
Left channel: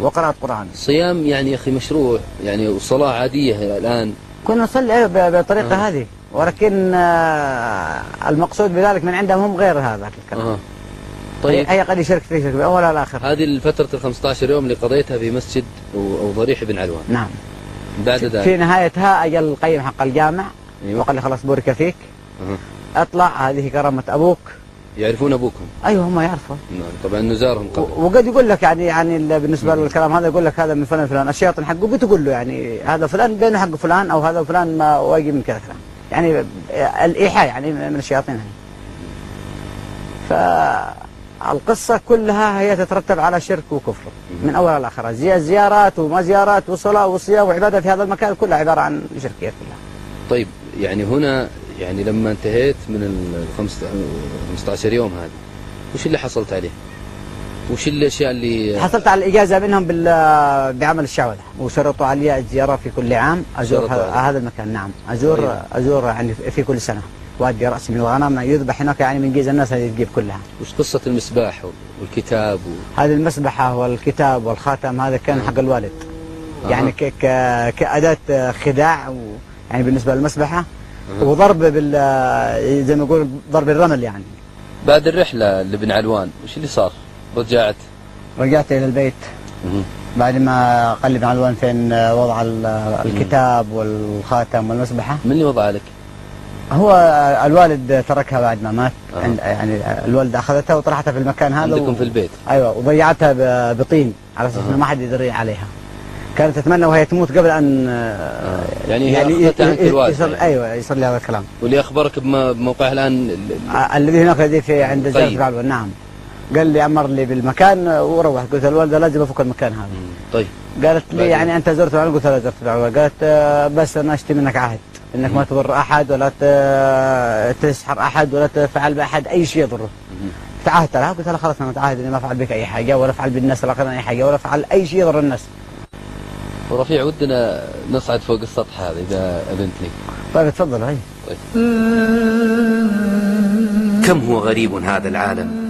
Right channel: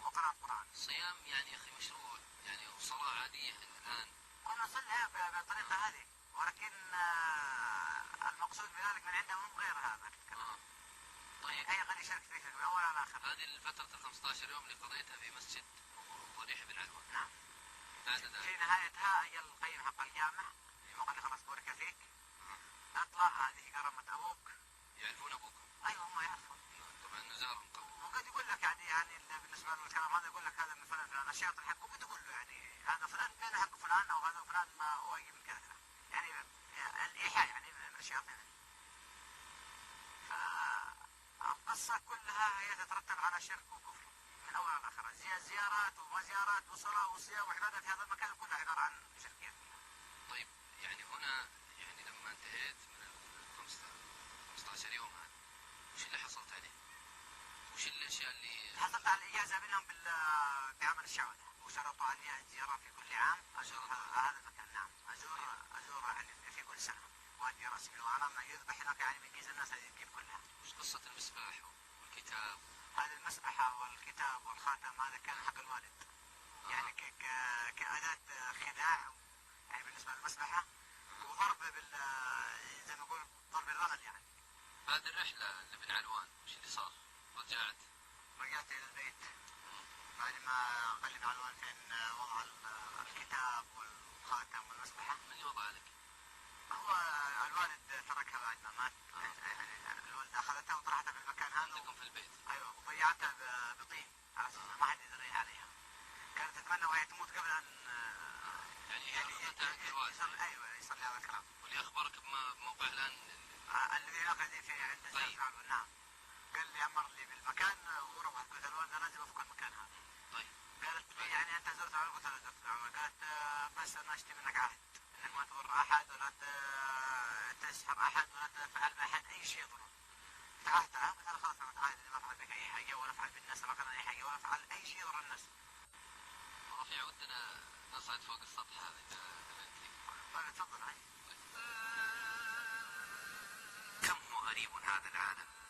وقراءة قرآن. صيام يعني يا أخي مشروع، يعني وصلاة عادية الآن. كنا نصلي بالطريقة هذه، ولكن المقصود بذلك من عندهم هم غير هذا الكلام. طيب هي قد يشرك في شرك بأول على آخر. هذه الفترة ال 15 يوم اللي قضيتها في مسجد أو ضريح بن علوان. نعم. بعد ذلك في نهايتها أجل القيم حق الجامع. أيوة. وقال لي خلاص بورك فيك. أطلع، هذه كرامة أبوك. يعرفون أبوكم؟ أيوه هم يعرفوا. نعم طبعا نزارهم قبل. وقد يقول لك يعني بالنسبة للكلام هذا يقول لك هذا من فلان فلان، الشياطين حقه بتقول له يعني هذا فلان بينه حق فلان، أو هذا فلان ما واجي من كذا كلام، يعني الإيحاء يعني من الشياطين هذه. فالقصة كلها هي تترتب على شرك وكفر من أولها لآخرها، زيارات وما زيارات وصلاة وصيام وعبادة في هذا المكان كلها عبارة عن شركية كلها. طيب يعني هنا يعني لما انتهيت من ال 15 يوم هذه، وش اللي حصلت عليه؟ وش الاشياء اللي حصلت على الاجازه منهم بعمل الشعوذه، وشرطوا علي الزياره في كل عام ازور هذا المكان. نعم ازور يعني في كل سنه، وادي راسي من الغنم يذبح هناك، يعني من جيز الناس هذه تجيب كلها. وش قصه المسباح والكتاب هذه المسبحه والكتاب والخاتم هذا كان حق الوالد، يعني كاداه خداع، يعني بالنسبه للمسبحه، وضرب زي ما يقول ضرب الرمل. يعني بعد الرحله لبن علوان وش اللي صار؟ رجعت إلى البيت بعد ما قال لي بن علوان فين وضع الكتاب والخاتم والمسبحة. من اللي وضع لك؟ هو الوالد تركها بعد ما مات. يعني الوالد أخذتها وطرحتها في المكان هذا عندكم في البيت؟ أيوة، وضيعتها بطين على أساس إنه ما حد يدري عليها. كانت تتمنى وهي تموت قبل أن يعني أخذتها عند الوالد. أيوة يصير لي هذا الكلام. واللي أخبرك بموقعها الآن؟ الذي هناك في عند زيارة بن علوان. نعم. قال لي أمر لي بالمكان وروح. قلت الوالدة لازم أفك المكان هذا. طيب. قالت لي يعني أنت زرت معلوم؟ قلت لا زرت معلوم. قالت بس أنا أشتي منك عهد إنك ما تضر أحد ولا تسحر أحد ولا تفعل بأحد أي شيء يضره. تعهدت لها. قلت لها خلاص أنا متعهد إني ما أفعل بك أي حاجة، ولا أفعل بالناس الآخرين أي حاجة، ولا أفعل أي شيء يضر الناس. ورفيع ودنا نصعد فوق السطح هذا إذا أذنت لي. طيب تفضل. هاي. طيب. كم هو غريب هذا العالم،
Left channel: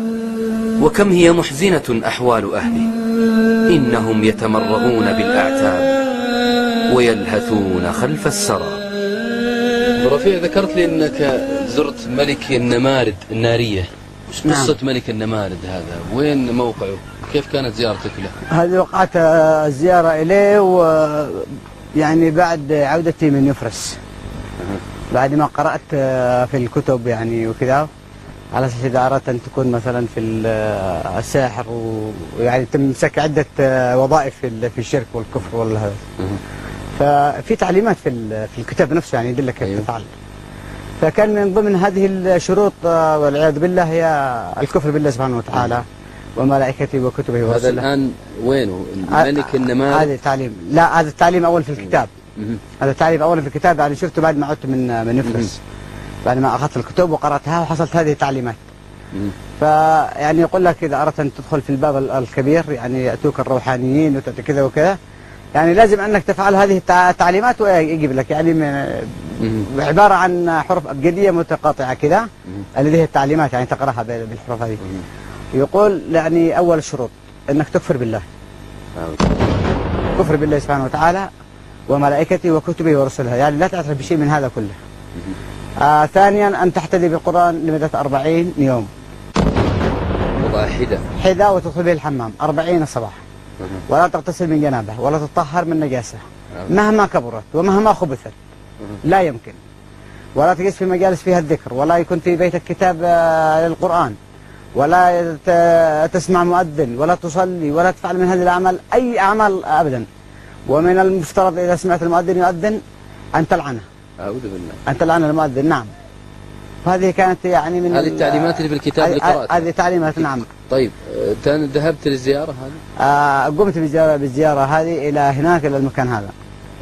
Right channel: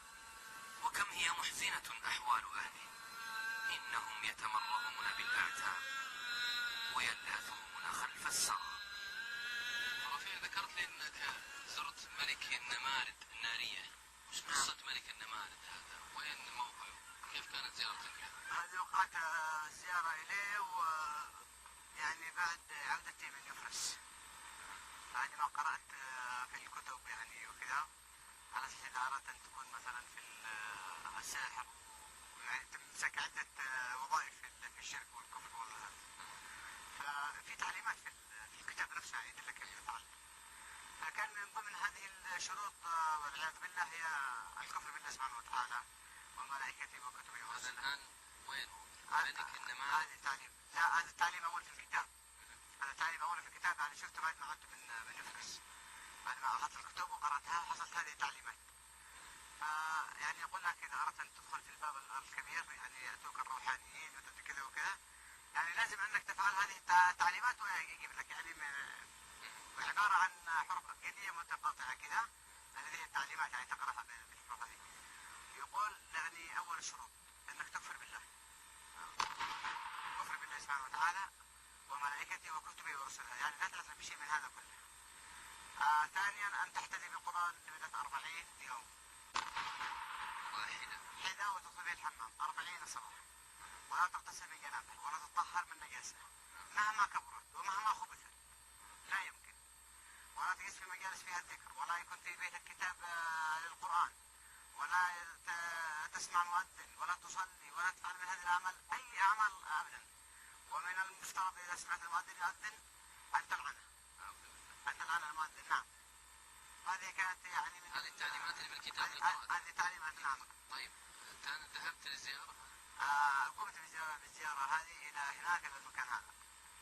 وكم هي محزنة أحوال أهله. إنهم يتمرغون بالأعتاب ويلهثون خلف السرى. رفيع ذكرت لي أنك زرت ملك النمارد النارية. وش قصة ملك النمارد هذا؟ وين موقعه؟ كيف كانت زيارتك له؟ هذه وقعت الزيارة إليه ويعني بعد عودتي من يفرس، بعد ما قرأت في الكتب يعني وكذا، على اساس اذا اردت ان تكون مثلا في الساحر ويعني تمسك عده وظائف في الشرك والكفر والهذا. ففي تعليمات في الكتاب نفسه يعني يدلك كيف تفعل. فكان من ضمن هذه الشروط والعياذ بالله هي الكفر بالله سبحانه وتعالى وملائكته وكتبه ورسله. هذا الان وينه؟ ملك النمارد. هذا تعليم، لا هذا التعليم اول في الكتاب. هذا التعليم اول في الكتاب، يعني شفته بعد ما عدت من يفرس، بعد ما أخذت الكتب وقرأتها وحصلت هذه التعليمات. فيعني يقول لك إذا أردت أن تدخل في الباب الكبير يعني يأتوك الروحانيين وتأتي كذا وكذا، يعني لازم أنك تفعل هذه التعليمات ويجيب لك يعني عبارة عن حروف أبجدية متقاطعة كذا، اللي هي التعليمات يعني تقرأها بالحروف هذه. يقول يعني أول الشروط أنك تكفر بالله. كفر بالله سبحانه وتعالى وملائكته وكتبه ورسله، يعني لا تعترف بشيء من هذا كله. ثانيا أن تحتدي بالقرآن لمدة 40 يوم. وضع حذاء وتدخل به الحمام 40 الصباح. ولا تغتسل من جنابه ولا تطهر من نجاسة مهما كبرت ومهما خبثت، لا يمكن. ولا تجلس في مجالس فيها الذكر، ولا يكون في بيتك كتاب للقرآن، ولا تسمع مؤذن، ولا تصلي، ولا تفعل من هذه الأعمال أي أعمال أبدا. ومن المفترض إذا سمعت المؤذن يؤذن أن تلعنه. أعوذ بالله. أن تلعن المؤذن، نعم. وهذه كانت يعني من هذه التعليمات اللي في الكتاب اللي قرأتها. هذه تعليمات، نعم. طيب ذهبت للزيارة هذه؟ قمت بالزيارة هذه إلى هناك، إلى المكان هذا.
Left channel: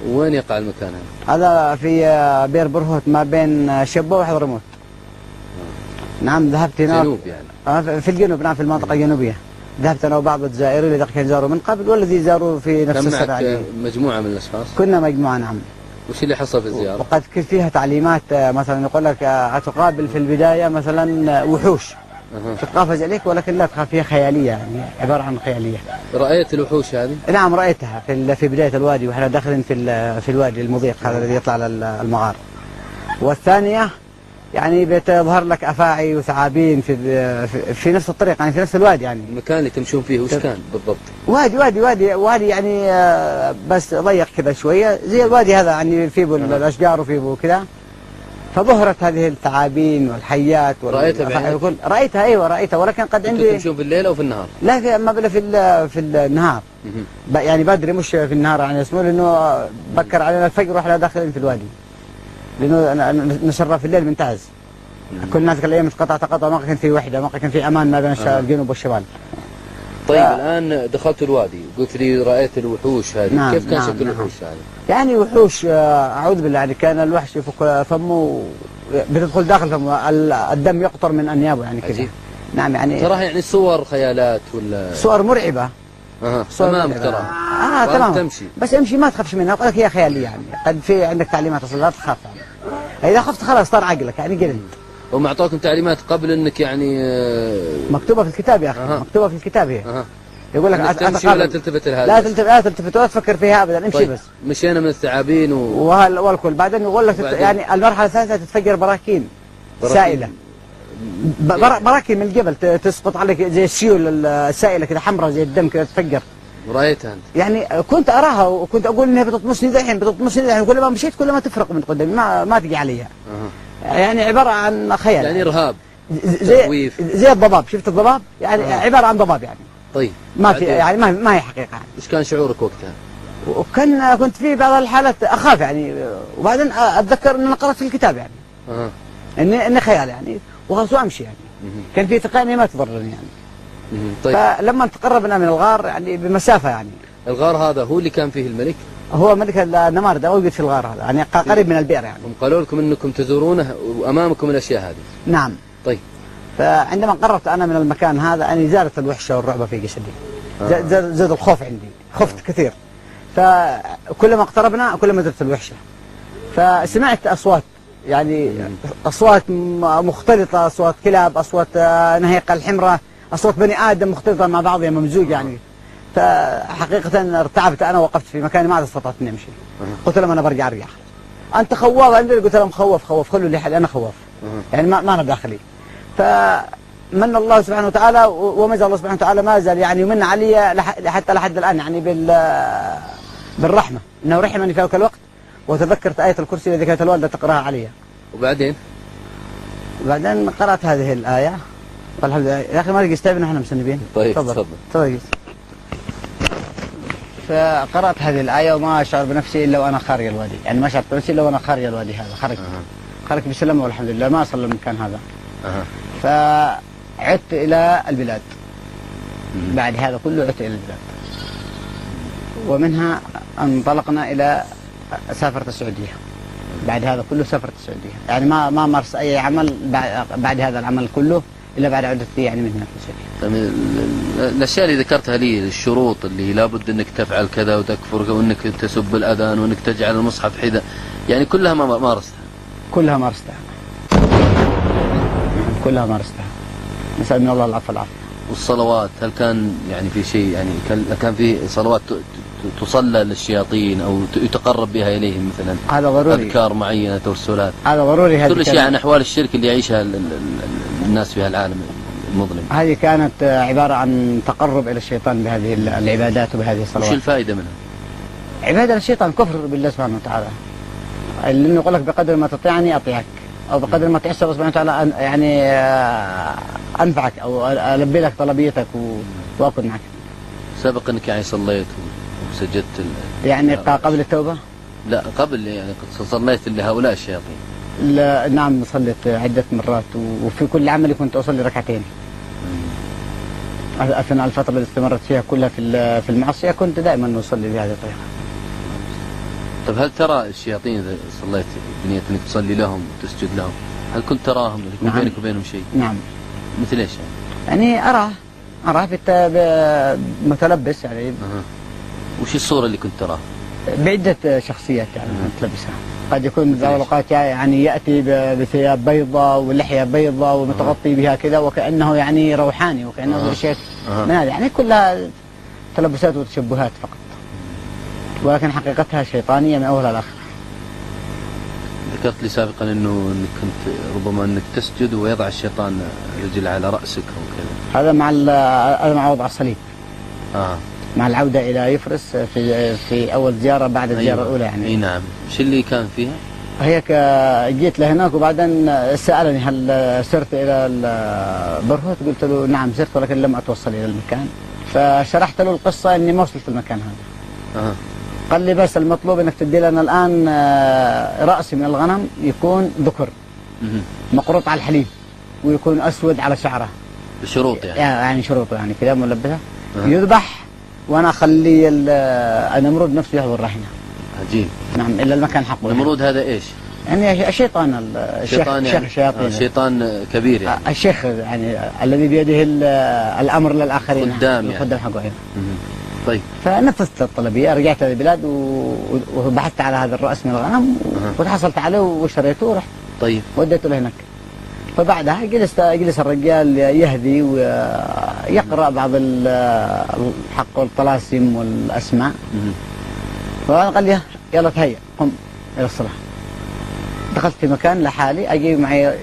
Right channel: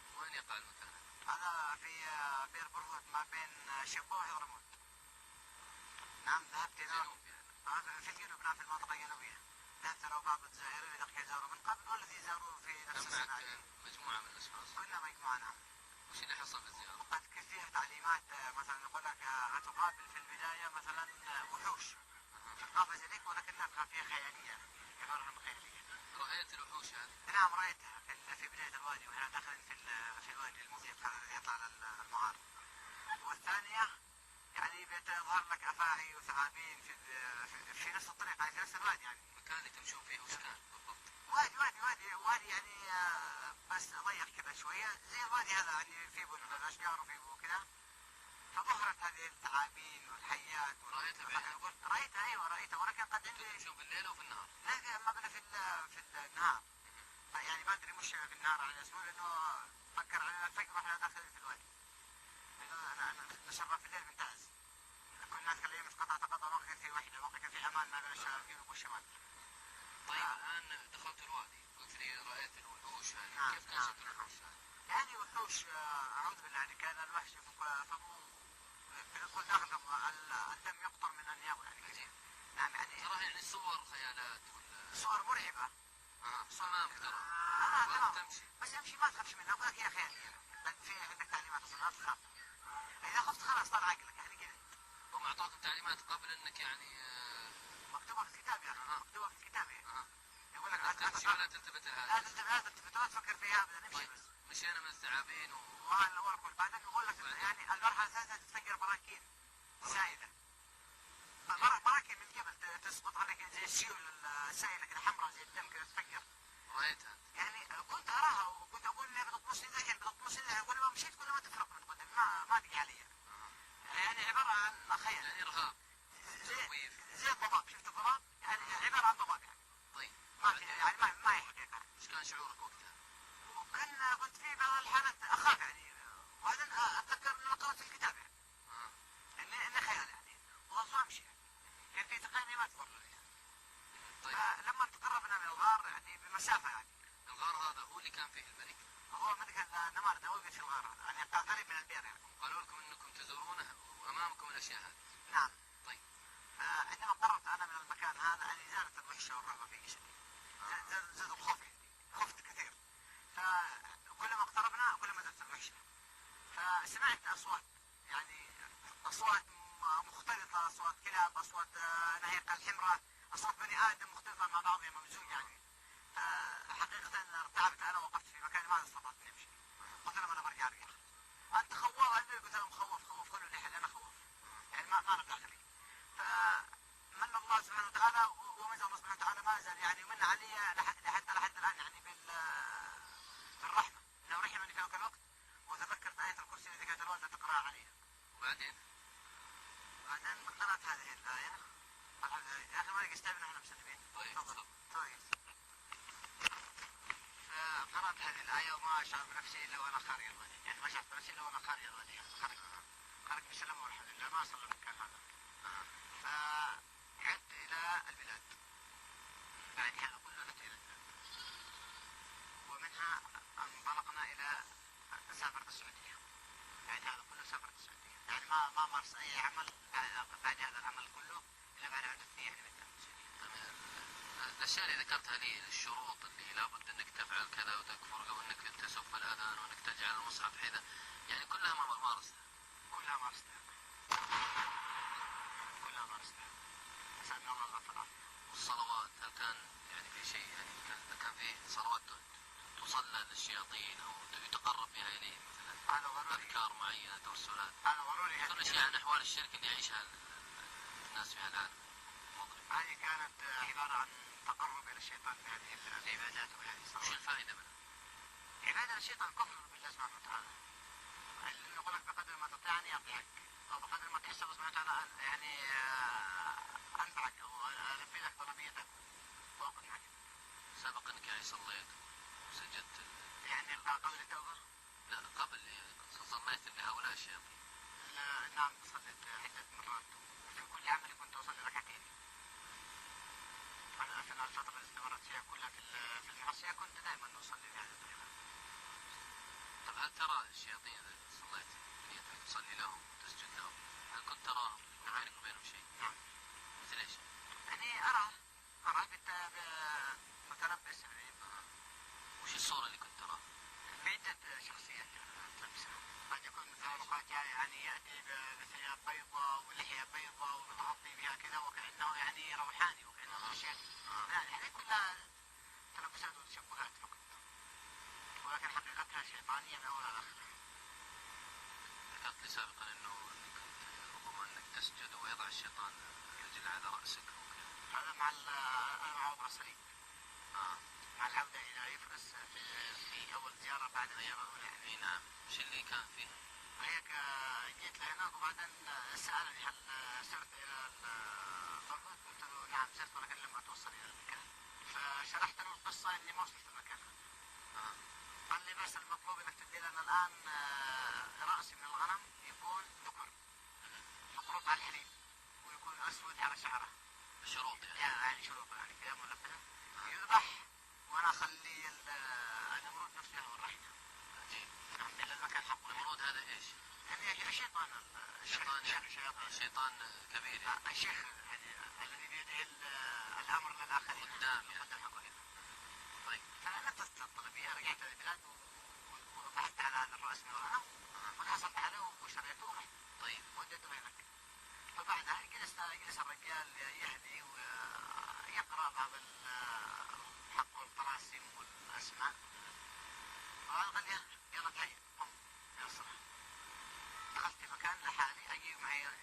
وين يقع المكان هذا؟ هذا في بير برهوت ما بين شبوة وحضرموت. نعم ذهبت هناك. جنوب يعني؟ في الجنوب، نعم، في المنطقة الجنوبية. ذهبت أنا وبعض الجزائريين الذين كانوا زاروا من قبل والذي زاروا في نفس السنة. كم معك مجموعة من الأشخاص؟ كنا مجموعة، نعم. وش اللي حصل في الزيارة؟ وقد كنت فيها تعليمات، مثلا يقول لك تقابل في البداية مثلا وحوش تتقافز عليك، ولكن لا تخاف، فيها خيالية، يعني عبارة عن خيالية. رأيت الوحوش هذه؟ نعم رأيتها في بداية الوادي، واحنا داخلين في الوادي المضيق هذا الذي يطلع على المغار. والثانية يعني بتظهر لك أفاعي وثعابين في نفس الطريق، يعني في نفس الوادي. يعني المكان اللي تمشون فيه وش كان بالضبط؟ وادي يعني بس ضيق كذا شوية زي الوادي هذا، يعني فيه الأشجار وفيه كذا. فظهرت هذه الثعابين والحيات رأيتها بعينك؟ رأيتها، أيوة رأيتها، ولكن قد عندي. تمشون في الليل أو في النهار؟ لا، ما بلا في النهار. يعني بدري، مش في النهار، يعني اسمه لأنه بكر علينا الفجر واحنا داخلين في الوادي، لأنه نشرف في الليل ممتاز. كنا ذيك الأيام قطع، ما كان في وحدة، ما كان في أمان ما بين الجنوب والشمال. طيب الآن دخلت الوادي، قلت لي رأيت الوحوش هذه. نعم، كيف كان نعم، شكل نعم. الوحوش هذه؟ يعني وحوش، أعوذ بالله، يعني كان الوحش يفك فمه، بتدخل داخل فمه، الدم يقطر من أنيابه، يعني كذا. نعم، يعني تراها يعني صور خيالات ولا صور مرعبة. صور أمامك تراها. تمام. تمشي بس امشي ما تخافش منها، أقول لك هي خيالية، يعني قد في عندك تعليمات أصلا لا تخاف، يعني إذا خفت خلاص طار عقلك، يعني قلت. هم أعطوكم تعليمات قبل أنك يعني مكتوبة في الكتاب يا أخي. مكتوبة في الكتاب هي. يقول لك تمشي ولا تلتفت لهذا؟ لا تلتفت ولا تفكر فيها ابدا، امشي. طيب. بس مشينا من الثعابين والكل، بعدين يقول لك يعني المرحله الثالثه تتفجر براكين سائله. براكين من الجبل تسقط عليك زي السيول السائله كذا، حمراء زي الدم كذا، تتفجر. رأيتها أنت؟ يعني كنت اراها وكنت اقول انها بتطمسني دحين، كل ما مشيت كل ما تفرق من قدامي، ما تجي عليها. يعني عباره عن خيال، يعني ارهاب، زي الضباب. شفت الضباب؟ يعني عباره عن ضباب يعني. طيب ما في، يعني ما هي حقيقه. ايش كان شعورك وقتها؟ كنت في بعض الحالات اخاف يعني، وبعدين اتذكر ان انا قرات في الكتاب يعني اني خيال يعني، وخلاص وامشي يعني. كان في ثقة اني ما تضرني يعني. طيب. فلما تقربنا من الغار يعني بمسافه يعني. الغار هذا هو اللي كان فيه الملك؟ هو ملك النمارده موجود في الغار هذا، يعني قريب من البئر يعني. هم قالوا لكم انكم تزورونه وامامكم الاشياء هذه؟ نعم. طيب. فعندما قربت انا من المكان هذا اني زادت الوحشه والرعب في جسدي. زاد الخوف عندي، خفت كثير. فكلما اقتربنا كلما زادت الوحشه. فسمعت اصوات، يعني اصوات مختلطه، اصوات كلاب، اصوات نهيقه الحمراء، اصوات بني ادم مختلطه مع بعضها ممزوج يعني. فحقيقه ارتعبت انا، وقفت في مكاني ما عاد استطعت اني امشي. قلت لهم انا برجع ارجع. انت خواف؟ قلت لهم خوف، خلوا لي حل، انا خواف. يعني ما انا داخلي. فمن الله سبحانه وتعالى، وما زال الله سبحانه وتعالى ما زال يعني يمن علي حتى لحد الان يعني بالرحمه، انه رحمني في ذلك الوقت، وتذكرت آية الكرسي التي كانت الوالدة تقراها علي. وبعدين قرأت هذه الآية، والحمد لله. يا أخي ما لقيت تعبنا احنا مسنبين. طيب تفضل. فقرأت هذه الآية وما أشعر بنفسي إلا وأنا خارج الوادي، يعني ما شعرت بنفسي إلا وأنا خارج الوادي هذا. خرجت بسلامة والحمد لله، ما أصل المكان هذا. فعدت إلى البلاد. بعد هذا كله عدت إلى البلاد، ومنها انطلقنا إلى سافرت السعودية. بعد هذا كله سافرت السعودية، يعني ما مارس أي عمل بعد هذا العمل كله إلا بعد عودتي يعني من هنا في السعودية. الأشياء اللي ذكرتها لي، الشروط اللي لابد أنك تفعل كذا وتكفر وأنك تسب الأذان وأنك تجعل المصحف حذاء، يعني كلها ما مارستها؟ كلها مارستها. نسأل من الله العفو والعافية. والصلوات هل كان يعني في شيء يعني كان في صلوات تصلى للشياطين أو يتقرب بها إليهم مثلا؟ هذا ضروري. أذكار معينة، توسلات، هذا ضروري. هذه كل شيء عن أحوال الشرك اللي يعيشها الناس في هالعالم المظلم. هذه كانت عبارة عن تقرب إلى الشيطان بهذه العبادات وبهذه الصلوات. وش الفائدة منها؟ عبادة للشيطان كفر بالله سبحانه وتعالى. لأنه يقول لك بقدر ما تطيعني أطيعك، أو بقدر ما تيسر الله سبحانه وتعالى يعني أنفعك أو ألبي لك طلبيتك وأكون معك. سبق أنك يعني صليت وسجدت يعني قبل التوبة؟ لا قبل، يعني صليت لهؤلاء الشياطين. لا نعم، صليت عدة مرات، وفي كل عملي كنت أصلي ركعتين. أثناء الفترة اللي استمرت فيها كلها في المعصية كنت دائما أصلي بهذه الطريقة. طيب هل ترى الشياطين إذا صليت بنية أنك تصلي لهم وتسجد لهم، هل كنت تراهم يكون نعم. بينك وبينهم شيء؟ نعم. مثل إيش يعني؟ يعني أراه متلبس يعني. وش الصورة اللي كنت تراها؟ بعدة شخصيات يعني متلبسها. قد يكون بعض الأوقات يعني يأتي بثياب بيضاء ولحية بيضاء ومتغطي بها كذا وكأنه يعني روحاني وكأنه شيء من هذا، يعني كلها تلبسات وتشبهات فقط، ولكن حقيقتها شيطانية من أولها لآخرها. ذكرت لي سابقا انك كنت ربما انك تسجد ويضع الشيطان رجل على رأسك او كذا. هذا مع وضع الصليب. مع العودة إلى يفرس في أول زيارة بعد الزيارة الأولى يعني. اي نعم. ايش اللي كان فيها؟ هيك جيت لهناك وبعدين سألني هل سرت إلى البرهوت؟ قلت له نعم سرت ولكن لم أتوصل إلى المكان. فشرحت له القصة إني ما وصلت المكان هذا. قال لي بس المطلوب إنك تدي لنا الآن رأس من الغنم يكون ذكر مقروط على الحليب ويكون أسود على شعره. بشروط يعني؟ يعني شروطه يعني كذا ملبسة. يذبح وأنا أخلي النمرود نفسه يحضر رهينة. عجيب. نعم إلا المكان حقه. النمرود هذا إيش؟ يعني الشيطان شيخ الشياطين. شيطان كبير يعني. الشيخ يعني الذي بيده الأمر للآخرين. خدام يعني. خدام حقه. طيب. فنفذت الطلبية، رجعت للبلاد وبحثت على هذا الرأس من الغنم وتحصلت عليه وشريته ورحت. طيب. وديته لهناك. فبعدها جلس الرجال يهدي ويقرأ بعض الحق والطلاسم والأسماء. فقال لي يلا تهيأ قم إلى الصلاة. دخلت في مكان لحالي، أجي معي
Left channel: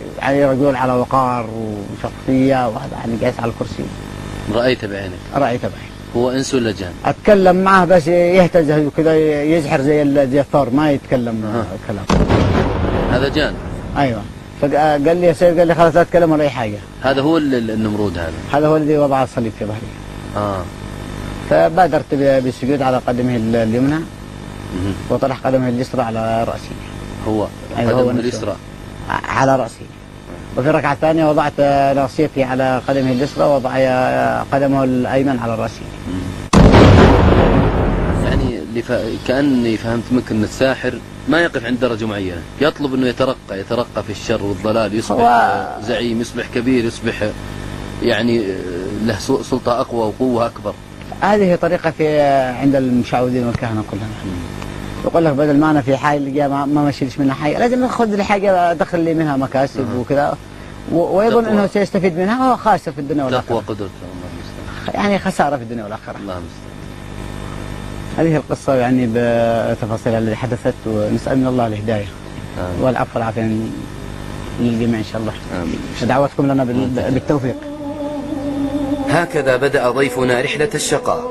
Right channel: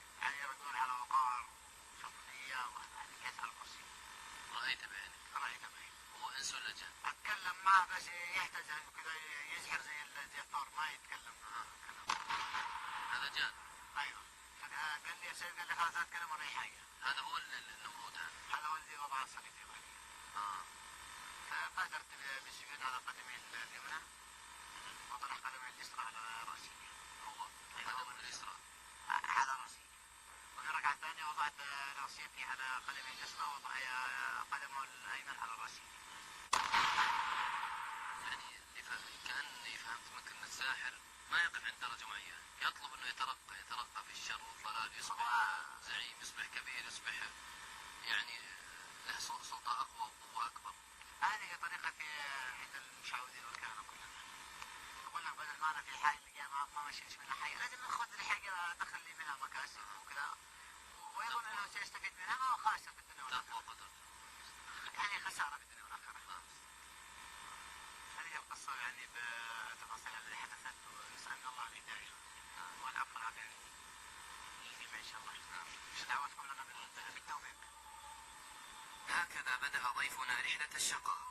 رجل على وقار وشخصية وهذا يعني جالس على الكرسي. رأيته بعينك؟ رأيته بعيني. هو إنس ولا جان؟ أتكلم معه بس يهتز وكذا يزحر زي الثور، ما يتكلم كلام. هذا جان؟ أيوه. فقال لي يا سيد، قال لي خلاص لا أتكلم ولا أي حاجة. هذا هو النمرود هذا هو الذي وضع الصليب في ظهري. فبادرت بالسجود على قدمه اليمنى وطرح قدمه اليسرى على رأسي. هو قدمه اليسرى على رأسي. وفي الركعة الثانية وضعت ناصيتي على قدمه اليسرى ووضع قدمه الأيمن على رأسي. يعني كأني فهمت منك أن الساحر ما يقف عند درجة معينة، يطلب أنه يترقى في الشر والضلال، يصبح زعيم، يصبح كبير، يصبح يعني له سلطة أقوى وقوة أكبر. هذه طريقة عند المشعوذين والكهنة كلهم. يقول لك بدل ما أنا في حاجة ما مشيلش منها حاجة، لازم أخذ لي حاجة أدخل لي منها مكاسب وكذا، ويظن أنه سيستفيد منها وهو خاسر في الدنيا والآخرة. تقوى قدرته الله المستعان. يعني خسارة في الدنيا والآخرة. الله المستعان. هذه القصة يعني بتفاصيلها التي حدثت، ونسأل من الله الهداية والعفو والعافية للجميع إن شاء الله. دعوتكم لنا بالتوفيق. هكذا بدأ ضيفنا رحلة الشقاء،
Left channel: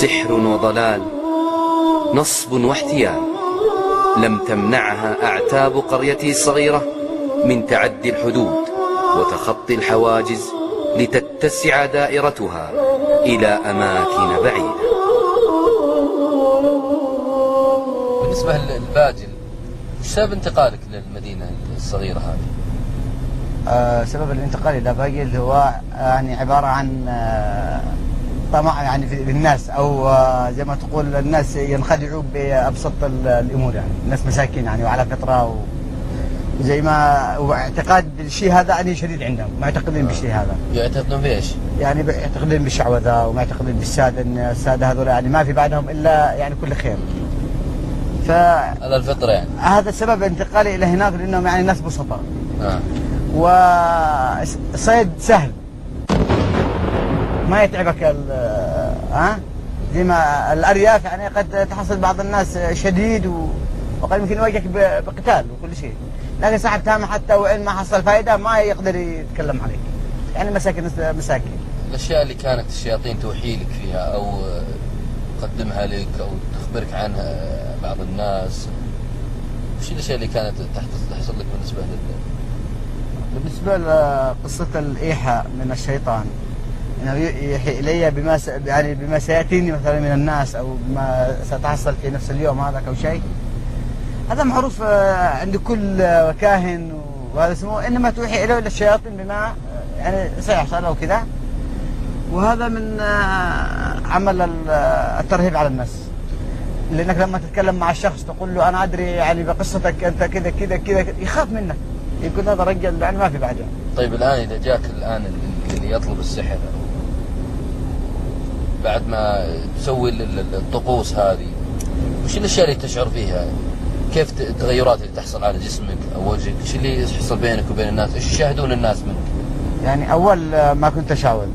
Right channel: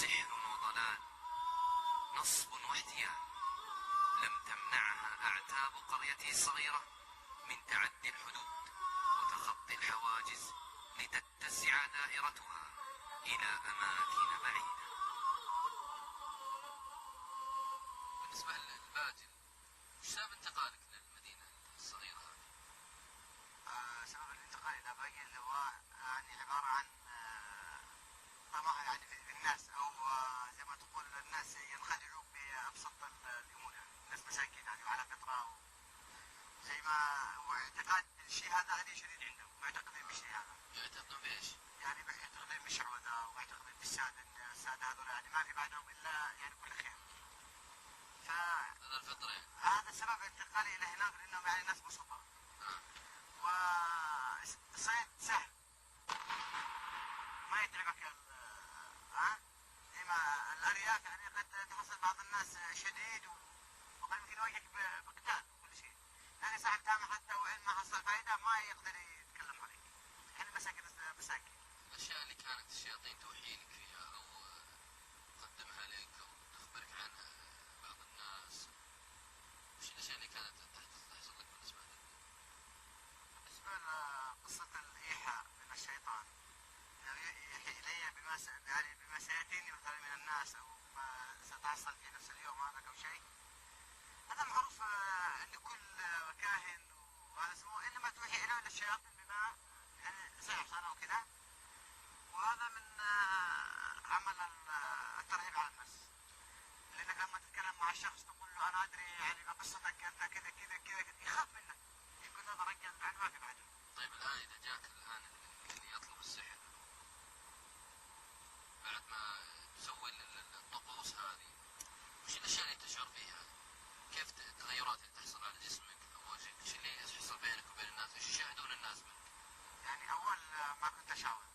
سحر وضلال، نصب واحتيال، لم تمنعها أعتاب قريته الصغيرة من تعدي الحدود وتخطي الحواجز لتتسع دائرتها إلى أماكن بعيدة. بالنسبة للباجل، سبب انتقالك للمدينة الصغيرة هذه؟ سبب الانتقال إلى باجل هو يعني عبارة عن طمع يعني في الناس، أو زي ما تقول الناس ينخدعوا بأبسط الأمور، يعني الناس مساكين يعني وعلى فطرة وزي ما واعتقاد بالشيء هذا يعني شديد عندهم، معتقدين بالشيء هذا. يعتقدون بإيش؟ يعني يعتقدون بالشعوذة ومعتقدين بالسادة، إن السادة هذول يعني ما في بعدهم إلا يعني كل خير. على الفطرة يعني. هذا سبب انتقالي إلى هناك، لأنهم يعني ناس بسطاء. وصيد سهل. ما يتعبك زي ما الارياف يعني قد تحصل بعض الناس شديد وقد يمكن يواجهك بقتال وكل شيء، لكن صاحب تامة حتى وإن ما حصل فائدة ما يقدر يتكلم عليك، يعني مساكين. الأشياء اللي كانت الشياطين توحي لك فيها أو تقدمها لك أو تخبرك عنها بعض الناس، وش الأشياء اللي كانت تحصل لك بالنسبة لقصة الإيحاء من الشيطان، انه يحيي الي بما سياتيني مثلا من الناس او بما ستحصل في نفس اليوم هذا او شيء، هذا معروف عند كل كاهن وهذا اسمه، انما توحي اليه الشياطين بما يعني سيحصل او كذا، وهذا من عمل الترهيب على الناس، لانك لما تتكلم مع الشخص تقول له انا ادري يعني بقصتك انت كذا كذا كذا، يخاف منك، يقول هذا رجل يعني ما في بعد يعني. طيب الان اذا جاك الان اللي يطلب السحر بعد ما تسوي الطقوس هذه، وش الاشياء اللي تشعر فيها؟ كيف التغيرات اللي تحصل على جسمك او وجهك؟ ايش اللي يحصل بينك وبين الناس؟ ايش يشاهدون الناس منك؟ يعني اول ما كنت اشاول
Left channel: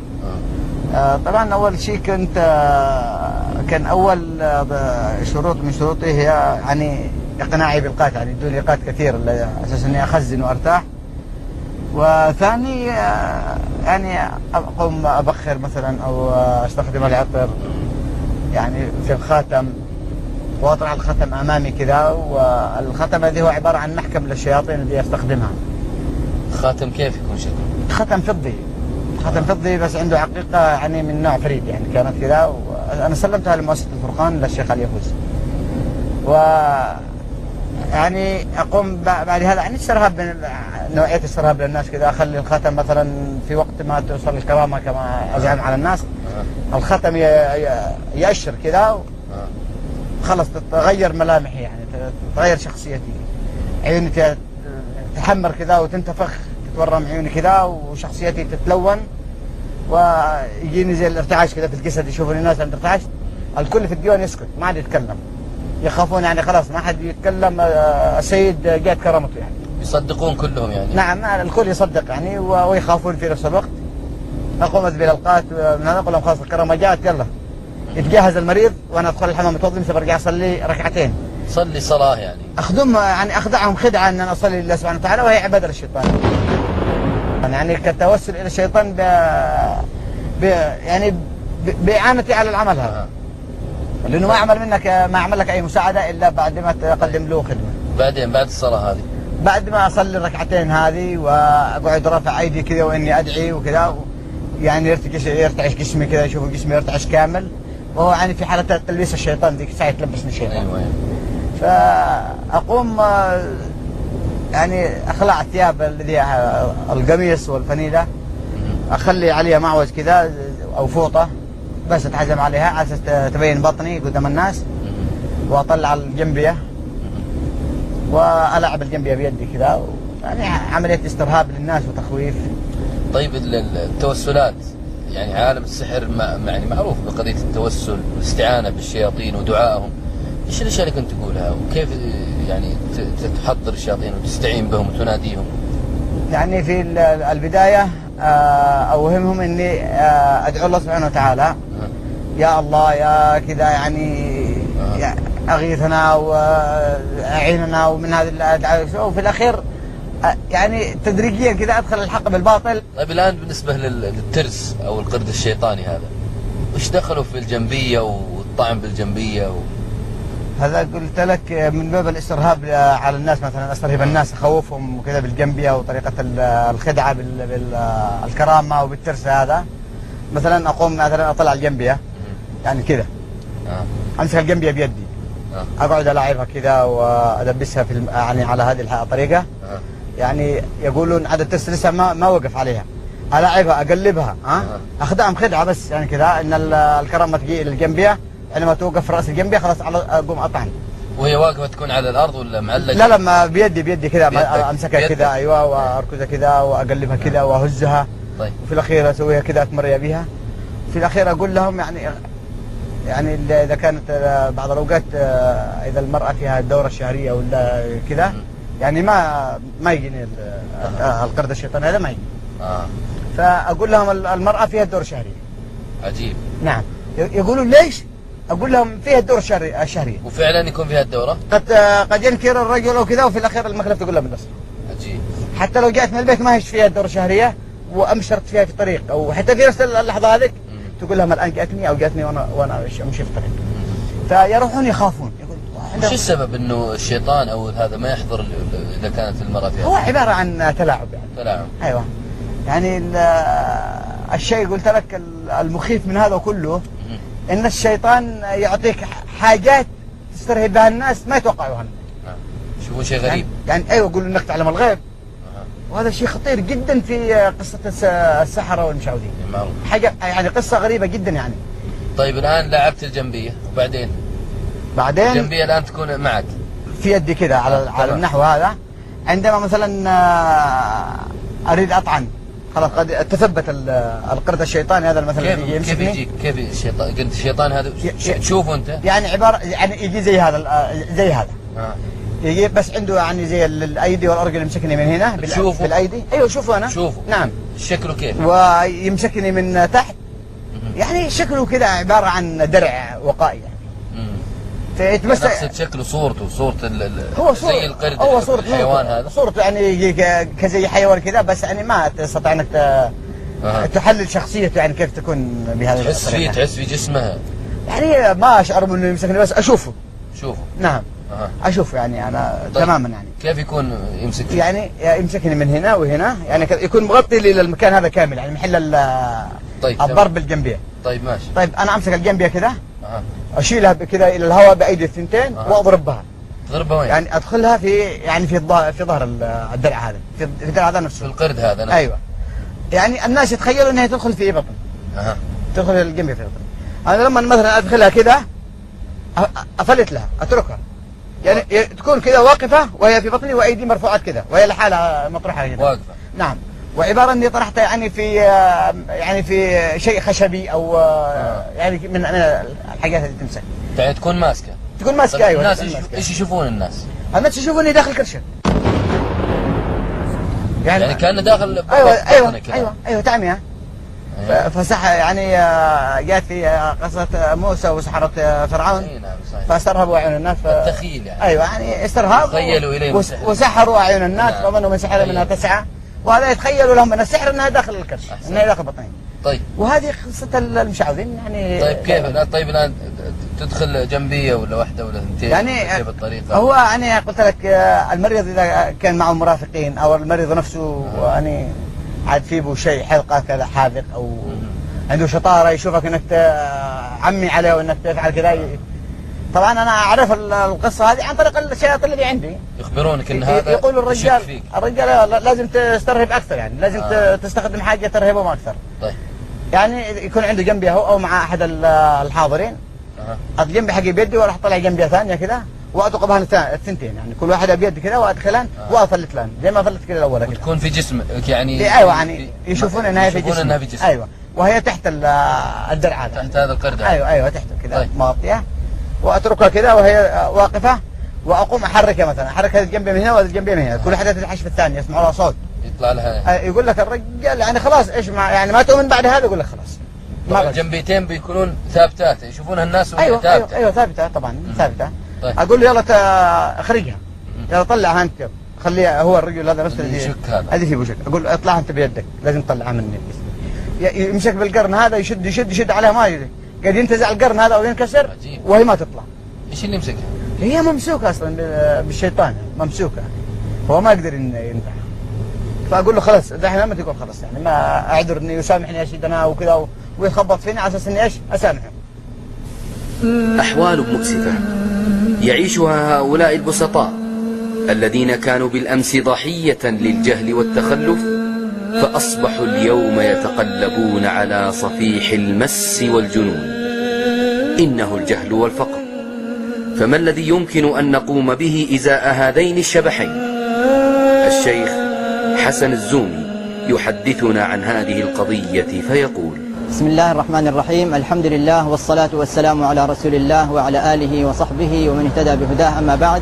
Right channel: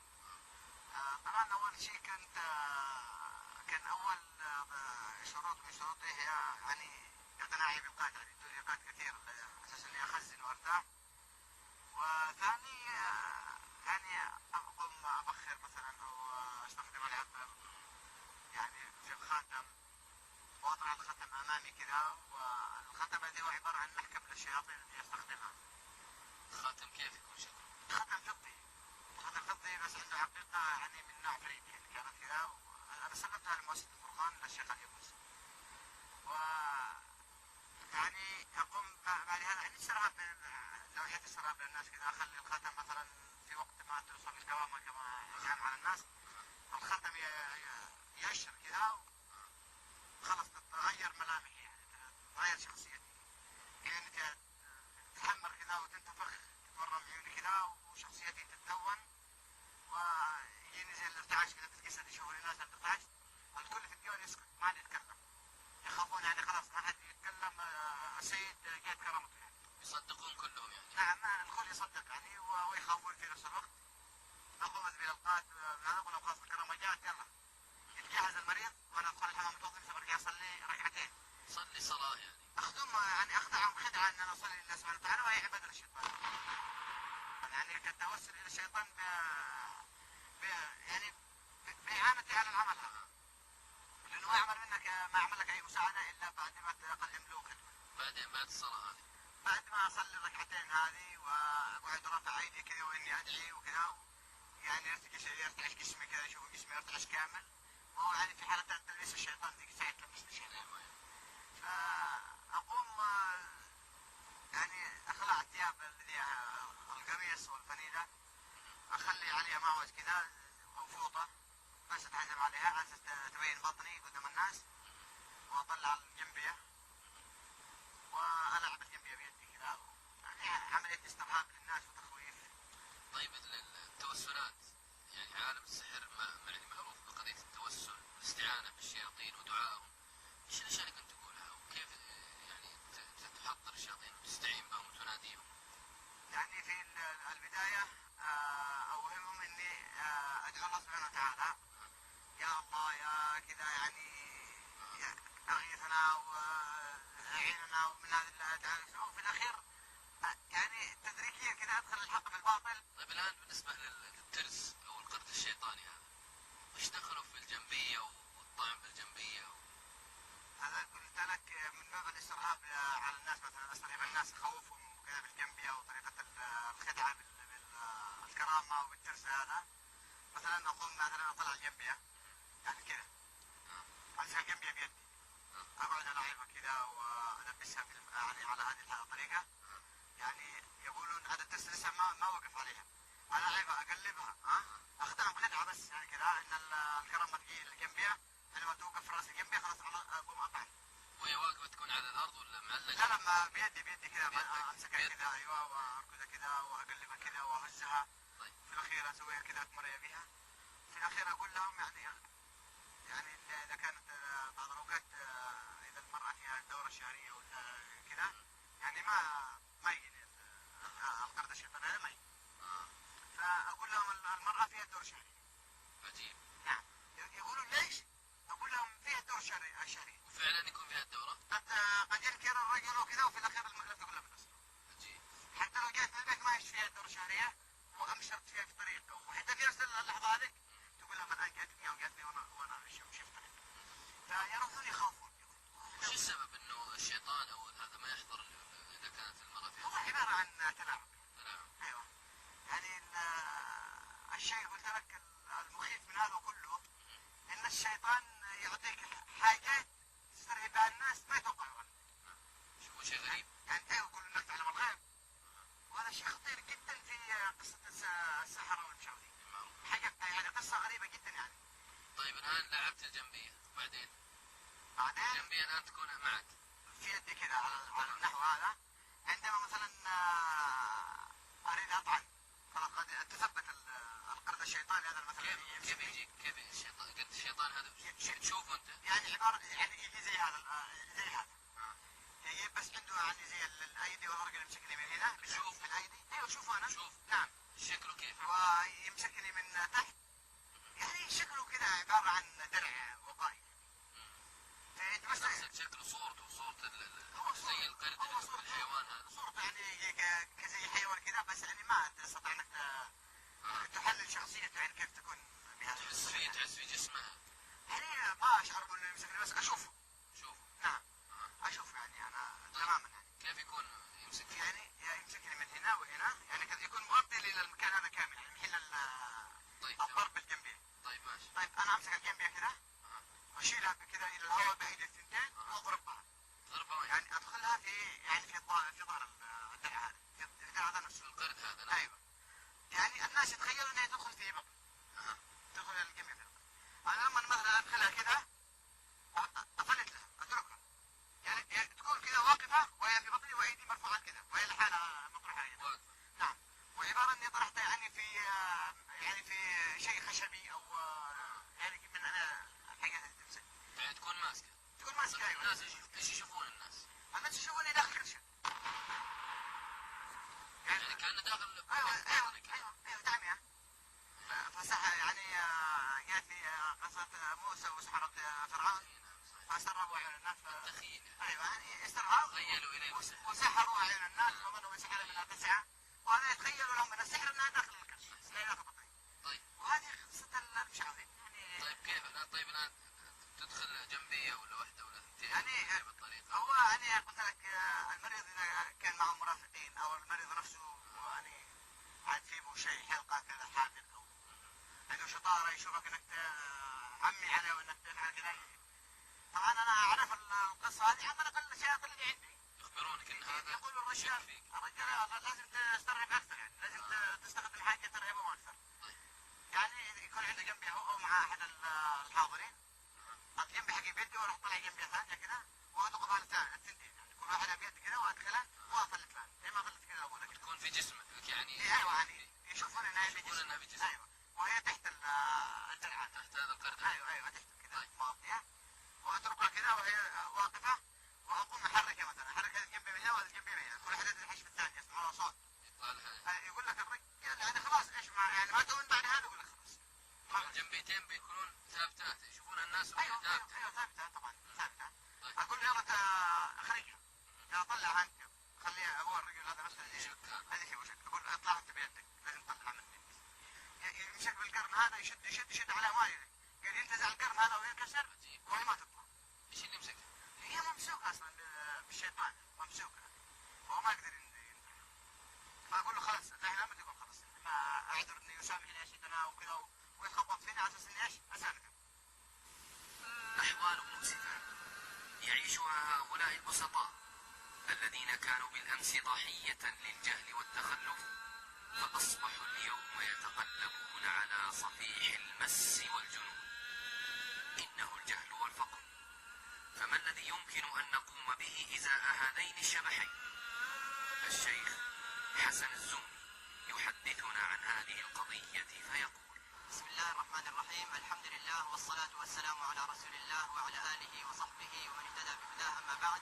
طبعا اول شيء كان اول شروط من شروطي هي يعني اقناعي بالقات، يعني بدون ايقات كثير على اساس اني اخزن وارتاح. وثاني يعني اقوم ابخر مثلا او استخدم العطر يعني في الخاتم، واطرح الختم امامي كذا، والختم هذه هو عباره عن محكم للشياطين اللي استخدمها. خاتم كيف يكون شكله؟ ختم فضي، ختم فضي بس عنده عقيقه يعني من نوع فريد، يعني كانت كذا، وانا سلمتها لمؤسسه الفرقان للشيخ علي يفوز. و يعني اقوم بعد هذا يعني استرهاب، نوعيه استرهاب للناس كذا، اخلي الختم مثلا في وقت ما توصل الكرامه كما ازعم على الناس، الختم يأشر كذا، خلص تتغير ملامحي، يعني تتغير شخصيتي، عيوني تحمر كذا وتنتفخ، تتورم عيوني كذا وشخصيتي تتلون، ويجيني زي الارتعاش كذا في الجسد، يشوفوني الناس عند ارتعاش، الكل في الديوان يسكت ما عاد يتكلم، يخافون يعني خلاص ما حد يتكلم، السيد جاءت كرامته يعني. يصدقون كلهم يعني؟ نعم الكل يصدق يعني ويخافون في نفس الوقت. نقوم بالالقاء من هذا، نقول لهم خلاص الكرامه جاءت يلا يتجهز المريض، وانا ادخل الحمام متوضي مثل برجع اصلي ركعتين. صلي صلاه يعني؟ يعني اخدعهم خدعه ان انا اصلي لله سبحانه وتعالى، وهي عباده للشيطان. يعني كالتوسل الى الشيطان يعني باعانتي على العمل هذا. لانه ما اعمل لك اي مساعده الا بعد ما تقدم له خدمه. بعدين بعد الصلاه هذه؟ بعد ما اصلي الركعتين هذه واقعد رافع ايدي كذا واني ادعي وكذا، يعني يرتعش جسمي كذا، يشوف جسمي يرتعش كامل، وهو يعني في حاله تلبيس الشيطان، ذيك الساعه يتلبسني الشيطان. ايوه. فاقوم يعني اخلع الثياب الذي القميص والفنيله، اخلي عليها معوز كذا او فوطه بس اتحزم عليها على اساس تبين بطني قدام الناس، واطلع الجنبيه والعب الجنبيه بيدي كذا، يعني عمليه استرهاب للناس وتخويف. طيب التوسلات، يعني عالم السحر يعني معروف بقضيه التوسل والاستعانه بالشياطين ودعائهم، ايش الاشياء اللي كنت تقولها وكيف يعني تحضر الشياطين وتستعين بهم وتناديهم؟ يعني في البدايه اوهمهم اني ادعو الله سبحانه وتعالى، يا الله يا كذا يعني اغيثنا واعيننا ومن هذه الادعاء، وفي الاخير يعني تدريجيا كذا ادخل الحق بالباطل. طيب الان بالنسبه للترس او القرد الشيطاني هذا، وش دخلوا في الجنبيه والطعن بالجنبيه هذا قلت لك من باب الاسترهاب على الناس، مثلا استرهب الناس، اخوفهم وكذا بالجنبيه وطريقه الخدعه بالكرامه وبالترس هذا. مثلا اقوم مثلا اطلع الجنبيه يعني كذا، امسك الجنبيه بيدي، اقعد الاعبها كذا وادبسها في يعني على هذه الطريقه، يعني يقولون عدد الترس لسه ما وقف عليها، الاعبها اقلبها، اخدعهم خدعه بس يعني كذا، ان الكرامه تجي الى الجنبيه، عندما توقف في راس الجنبيه خلاص اقوم اطعن. وهي واقفه تكون على الارض ولا معلقه؟ لا ما بيدي كذا، امسكها كذا ايوه، واركزها كذا واقلبها كذا واهزها. طيب. وفي الاخير اسويها كذا اتمريا بها. في الاخير اقول لهم يعني اذا كانت بعض الاوقات اذا المراه فيها الدوره الشهريه ولا كذا، يعني ما يجيني القرد الشيطاني هذا ما يجي. فاقول لهم المراه فيها الدوره الشهريه، عجيب. نعم. يقولون ليش؟ أقول لهم فيها الدورة الشهرية. وفعلا يكون فيها الدورة؟ قد ينكر الرجل وكذا، وفي الأخير المخلف تقول له بالنصر. عجيب. حتى لو جاءت من البيت ما هيش فيها الدورة الشهرية وأمشرت فيها في الطريق، أو حتى في نفس اللحظة هذيك تقول لهم الآن جاتني أو جاتني وأنا أمشي في الطريق. فيروحون يخافون. وش السبب انه الشيطان او هذا ما يحضر اذا كانت المرأة فيها؟ هو عبارة عن تلاعب يعني. تلاعب. ايوه. يعني الشيء قلت لك المخيف من هذا كله ان الشيطان يعطيك حاجات تسترهب بها الناس ما يتوقعوها. شو شيء غريب. يعني ايوه، يقول انك تعلم الغيب. وهذا شيء خطير جدا في قصة السحرة والمشعوذين. معروف. حاجة يعني قصة غريبة جدا يعني. طيب الان لعبت الجنبية وبعدين؟ بعدين الجنبية الان تكون معك في يدي كذا على النحو هذا. عندما مثلا اريد اطعن، خلاص قد تثبت القرد الشيطاني هذا مثلا كيف يجيك؟ كيف الشيطان؟ قلت الشيطان هذا تشوفه انت؟ يعني عبارة يعني يجي زي هذا يجي بس عنده يعني زي الايدي والارجل يمسكني من هنا بالايدي. ايوه شوفه انا. شوفه. نعم. شكله كيف؟ ويمسكني من تحت. يعني شكله كذا عبارة عن درع وقائي يعني. فيتمسك. اقصد شكله صورته هو زي القرد. هو صورة الحيوان هذا. صورته يعني يجي كزي حيوان كذا، بس يعني ما تستطيع انك تحلل شخصيته يعني كيف تكون بهذا الطريقة. تحس في جسمها. يعني ما اشعر انه يمسكني، بس اشوفه. نعم. اشوفه يعني انا طيب. تماما يعني. كيف يكون يمسك فيه؟ يعني يمسكني من هنا وهنا، يعني يكون مغطي لي المكان هذا كامل، يعني محل الضرب بالجنبية. طيب ماشي. طيب انا امسك الجنبية كذا، اشيلها كذا الى الهواء بايدي الثنتين واضرب بها. تضربها وين؟ يعني ادخلها في ظهر الدرع هذا، في الدرع هذا نفسه، في القرد هذا نفسه. ايوه. يعني الناس يتخيلوا انها تدخل في بطن. تدخل الجنبية في بطن. انا لما مثلا ادخلها كذا افلت لها، اتركها. يعني تكون كذا واقفة وهي في بطني وايدي مرفوعات كذا وهي لحالها مطرحة كذا. واقفة. نعم. وعبارة اني طرحتها يعني في شيء خشبي او يعني من الحاجات اللي تمسك. يعني تكون ماسكة. ايوه. الناس ايش يشوفون الناس؟ الناس يشوفوني داخل كرشة. يعني كأنه داخل. ايوه تعمية. فصح يعني جاءت في قصة موسى وسحرة فرعون. فاسترهبوا اعين الناس. التخيل يعني. ايوه يعني استرهاب. تخيلوا اليه وسحروا اعين الناس فظنوا من سحر منها تسعى. وهذا يتخيلوا لهم من السحر انها داخل الكرش، انها داخل بطنهم. طيب. وهذه قصة المشعوذين يعني. طيب كيف؟ طيب الان تدخل جنبية ولا واحدة ولا اثنتين؟ يعني كيف الطريقة؟ هو يعني قلت لك المريض اذا كان معه مرافقين او المريض نفسه يعني عاد فيه شيء حلقة كذا حاذق او عنده شطارة يشوفك انك عمي عليه وانك تفعل كذا. طبعا انا اعرف القصه هذه عن طريق الشياطين اللي عندي. يخبرونك ان هذا يقول الرجال لازم تسترهب اكثر، يعني لازم تستخدم حاجه ترهبهم اكثر. طيب. يعني يكون عنده جنبي هو او مع احد الحاضرين. الجنبي حقي بيدي واروح اطلع جنبيه ثانيه كذا وادق بها الثنتين، يعني كل واحده بيد كذا وادخلان وافلت لان زي ما فلت كذا الاولى كذا. وتكون في جسمك يعني. ايوه يعني يشوفون انها في جسم. ايوه. وهي تحت الدرع هذا. تحت هذا القرد. ايوه تحته كذا. طيب. مغطيه. واتركها كذا وهي واقفه واقوم احركها، مثلا احرك هذه الجنبيه من هنا وهذه الجنبيه من هنا، كل واحده تلحش في الثانيه يسمعوا لها صوت يطلع لها. يقول لك الرجال يعني خلاص ايش يعني ما تؤمن بعد هذا، يقول لك خلاص. الجنبيتين بيكونون ثابتات يشوفونها الناس وهي ثابته. ايوه ثابته طبعا ثابته. طيب. اقول له يلا اخرجها، يلا طلعها انت، خليها هو الرجل هذا نفسه هذه في وشك. اقول له اطلعها انت بيدك، لازم تطلعها مني. يمسك بالقرن هذا يشد عليها ما يدري، قاعد ينتزع القرن هذا وينكسر وهي ما تطلع. ايش اللي يمسكها؟ هي ممسوكه اصلا بالشيطان، ممسوكه هو ما يقدر ينفع. فاقول له خلاص دحين لما تقول خلاص يعني ما اعذر اني يسامحني يا سيدنا وكذا ويخبط فيني على اساس اني ايش اسامحه. احوال مؤسفه يعيشها هؤلاء البسطاء الذين كانوا بالامس ضحيه للجهل والتخلف، فاصبحوا اليوم يتقلبون على صفيح المس والجنون. انه الجهل والفقر، فما الذي يمكن أن نقوم به إزاء هذين الشبحين؟ الشيخ حسن الزومي يحدثنا عن هذه القضية فيقول: بسم الله الرحمن الرحيم، الحمد لله والصلاة والسلام على رسول الله وعلى آله وصحبه ومن اهتدى بهداه. أما بعد،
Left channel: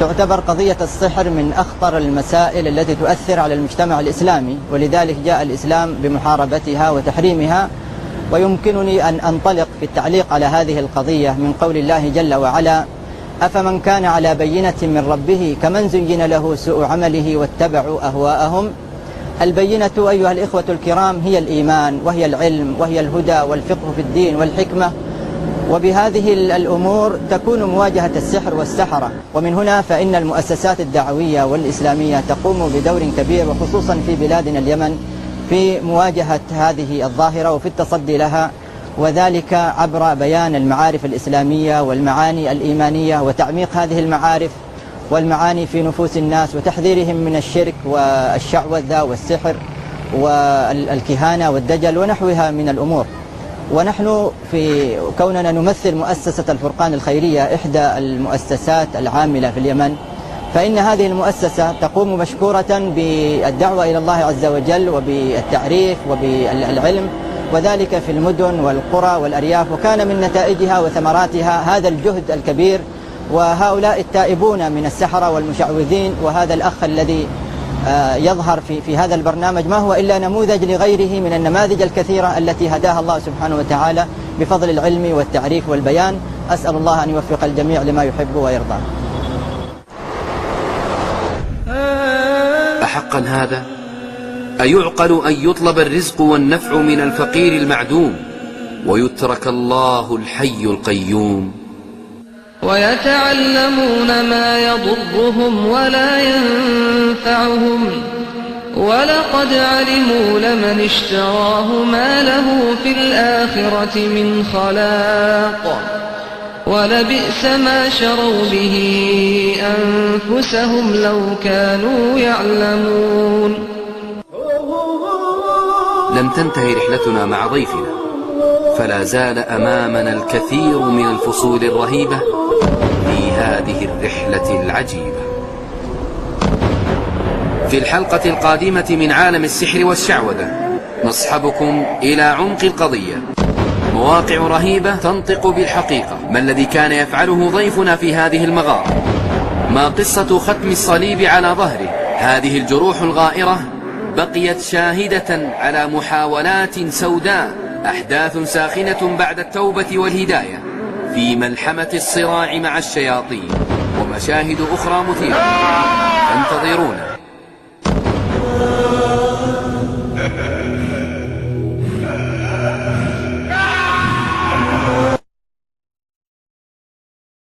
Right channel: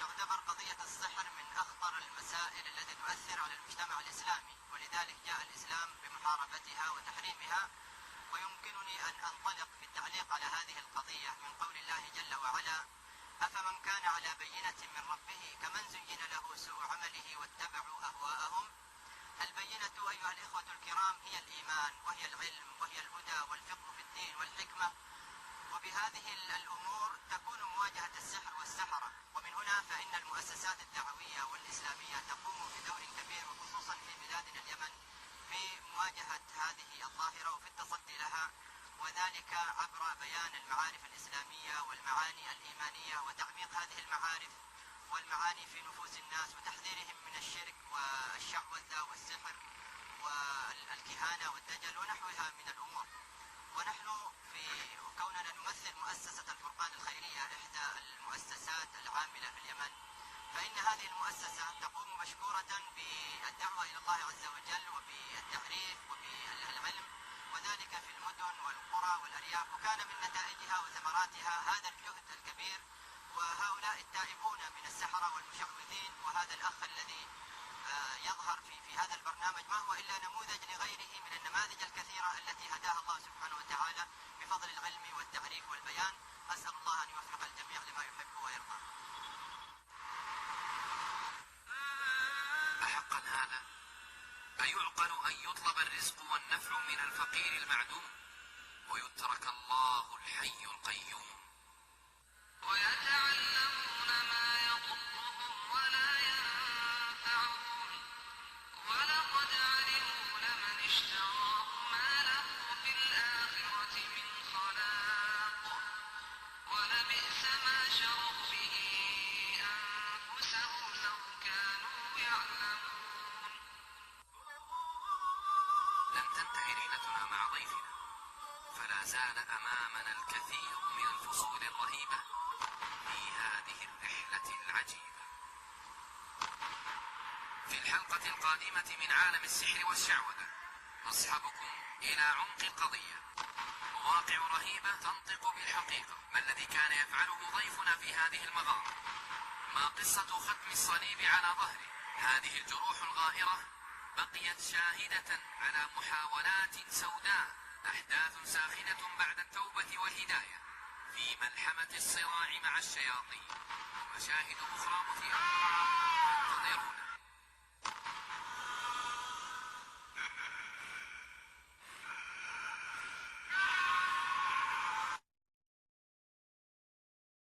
تعتبر قضية السحر من أخطر المسائل التي تؤثر على المجتمع الإسلامي، ولذلك جاء الإسلام بمحاربتها وتحريمها ويمكنني أن أنطلق في التعليق على هذه القضية من قول الله جل وعلا: أفمن كان على بينة من ربه كمن زين له سوء عمله واتبعوا أهواءهم. البينة أيها الإخوة الكرام هي الإيمان، وهي العلم، وهي الهدى والفقه في الدين والحكمة، وبهذه الأمور تكون مواجهة السحر والسحرة. ومن هنا فإن المؤسسات الدعوية والإسلامية تقوم بدور كبير، وخصوصا في بلادنا اليمن، في مواجهة هذه الظاهرة وفي التصدي لها، وذلك عبر بيان المعارف الإسلامية والمعاني الإيمانية، وتعميق هذه المعارف والمعاني في نفوس الناس، وتحذيرهم من الشرك والشعوذة والسحر والكهانة والدجل ونحوها من الأمور. ونحن في كوننا نمثل مؤسسة الفرقان الخيرية، إحدى المؤسسات العاملة في اليمن، فإن هذه المؤسسة تقوم مشكورة بالدعوة إلى الله عز وجل وبالتعريف وبالعلم، وذلك في المدن والقرى والأرياف، وكان من نتائجها وثمراتها هذا الجهد الكبير وهؤلاء التائبون من السحرة والمشعوذين. وهذا الأخ الذي يظهر في هذا البرنامج ما هو إلا نموذج لغيره من النماذج الكثيرة التي هداها الله سبحانه وتعالى بفضل العلم والتعريف والبيان. أسأل الله أن يوفق الجميع لما يحب ويرضى. أحقا هذا؟ أيعقل أن يطلب الرزق والنفع من الفقير المعدوم ويترك الله الحي القيوم؟ ويتعلمون ما يضرهم ولا ينفعهم، ولقد علموا لمن اشتراه ما له في الآخرة من خلاق، ولبئس ما شروا به أنفسهم لو كانوا يعلمون. لم تنتهي رحلتنا مع ضيفنا، فلا زال أمامنا الكثير من الفصول الرهيبة في هذه الرحلة العجيبة. في الحلقة القادمة من عالم السحر والشعوذة نصحبكم إلى عمق القضية، مواقع رهيبة تنطق بالحقيقة. ما الذي كان يفعله ضيفنا في هذه المغارة؟ ما قصة ختم الصليب على ظهره؟ هذه الجروح الغائرة بقيت شاهدة على محاولات سوداء، أحداث ساخنة بعد التوبة والهداية في ملحمة الصراع مع الشياطين، ومشاهد أخرى مثيرة. فانتظرونا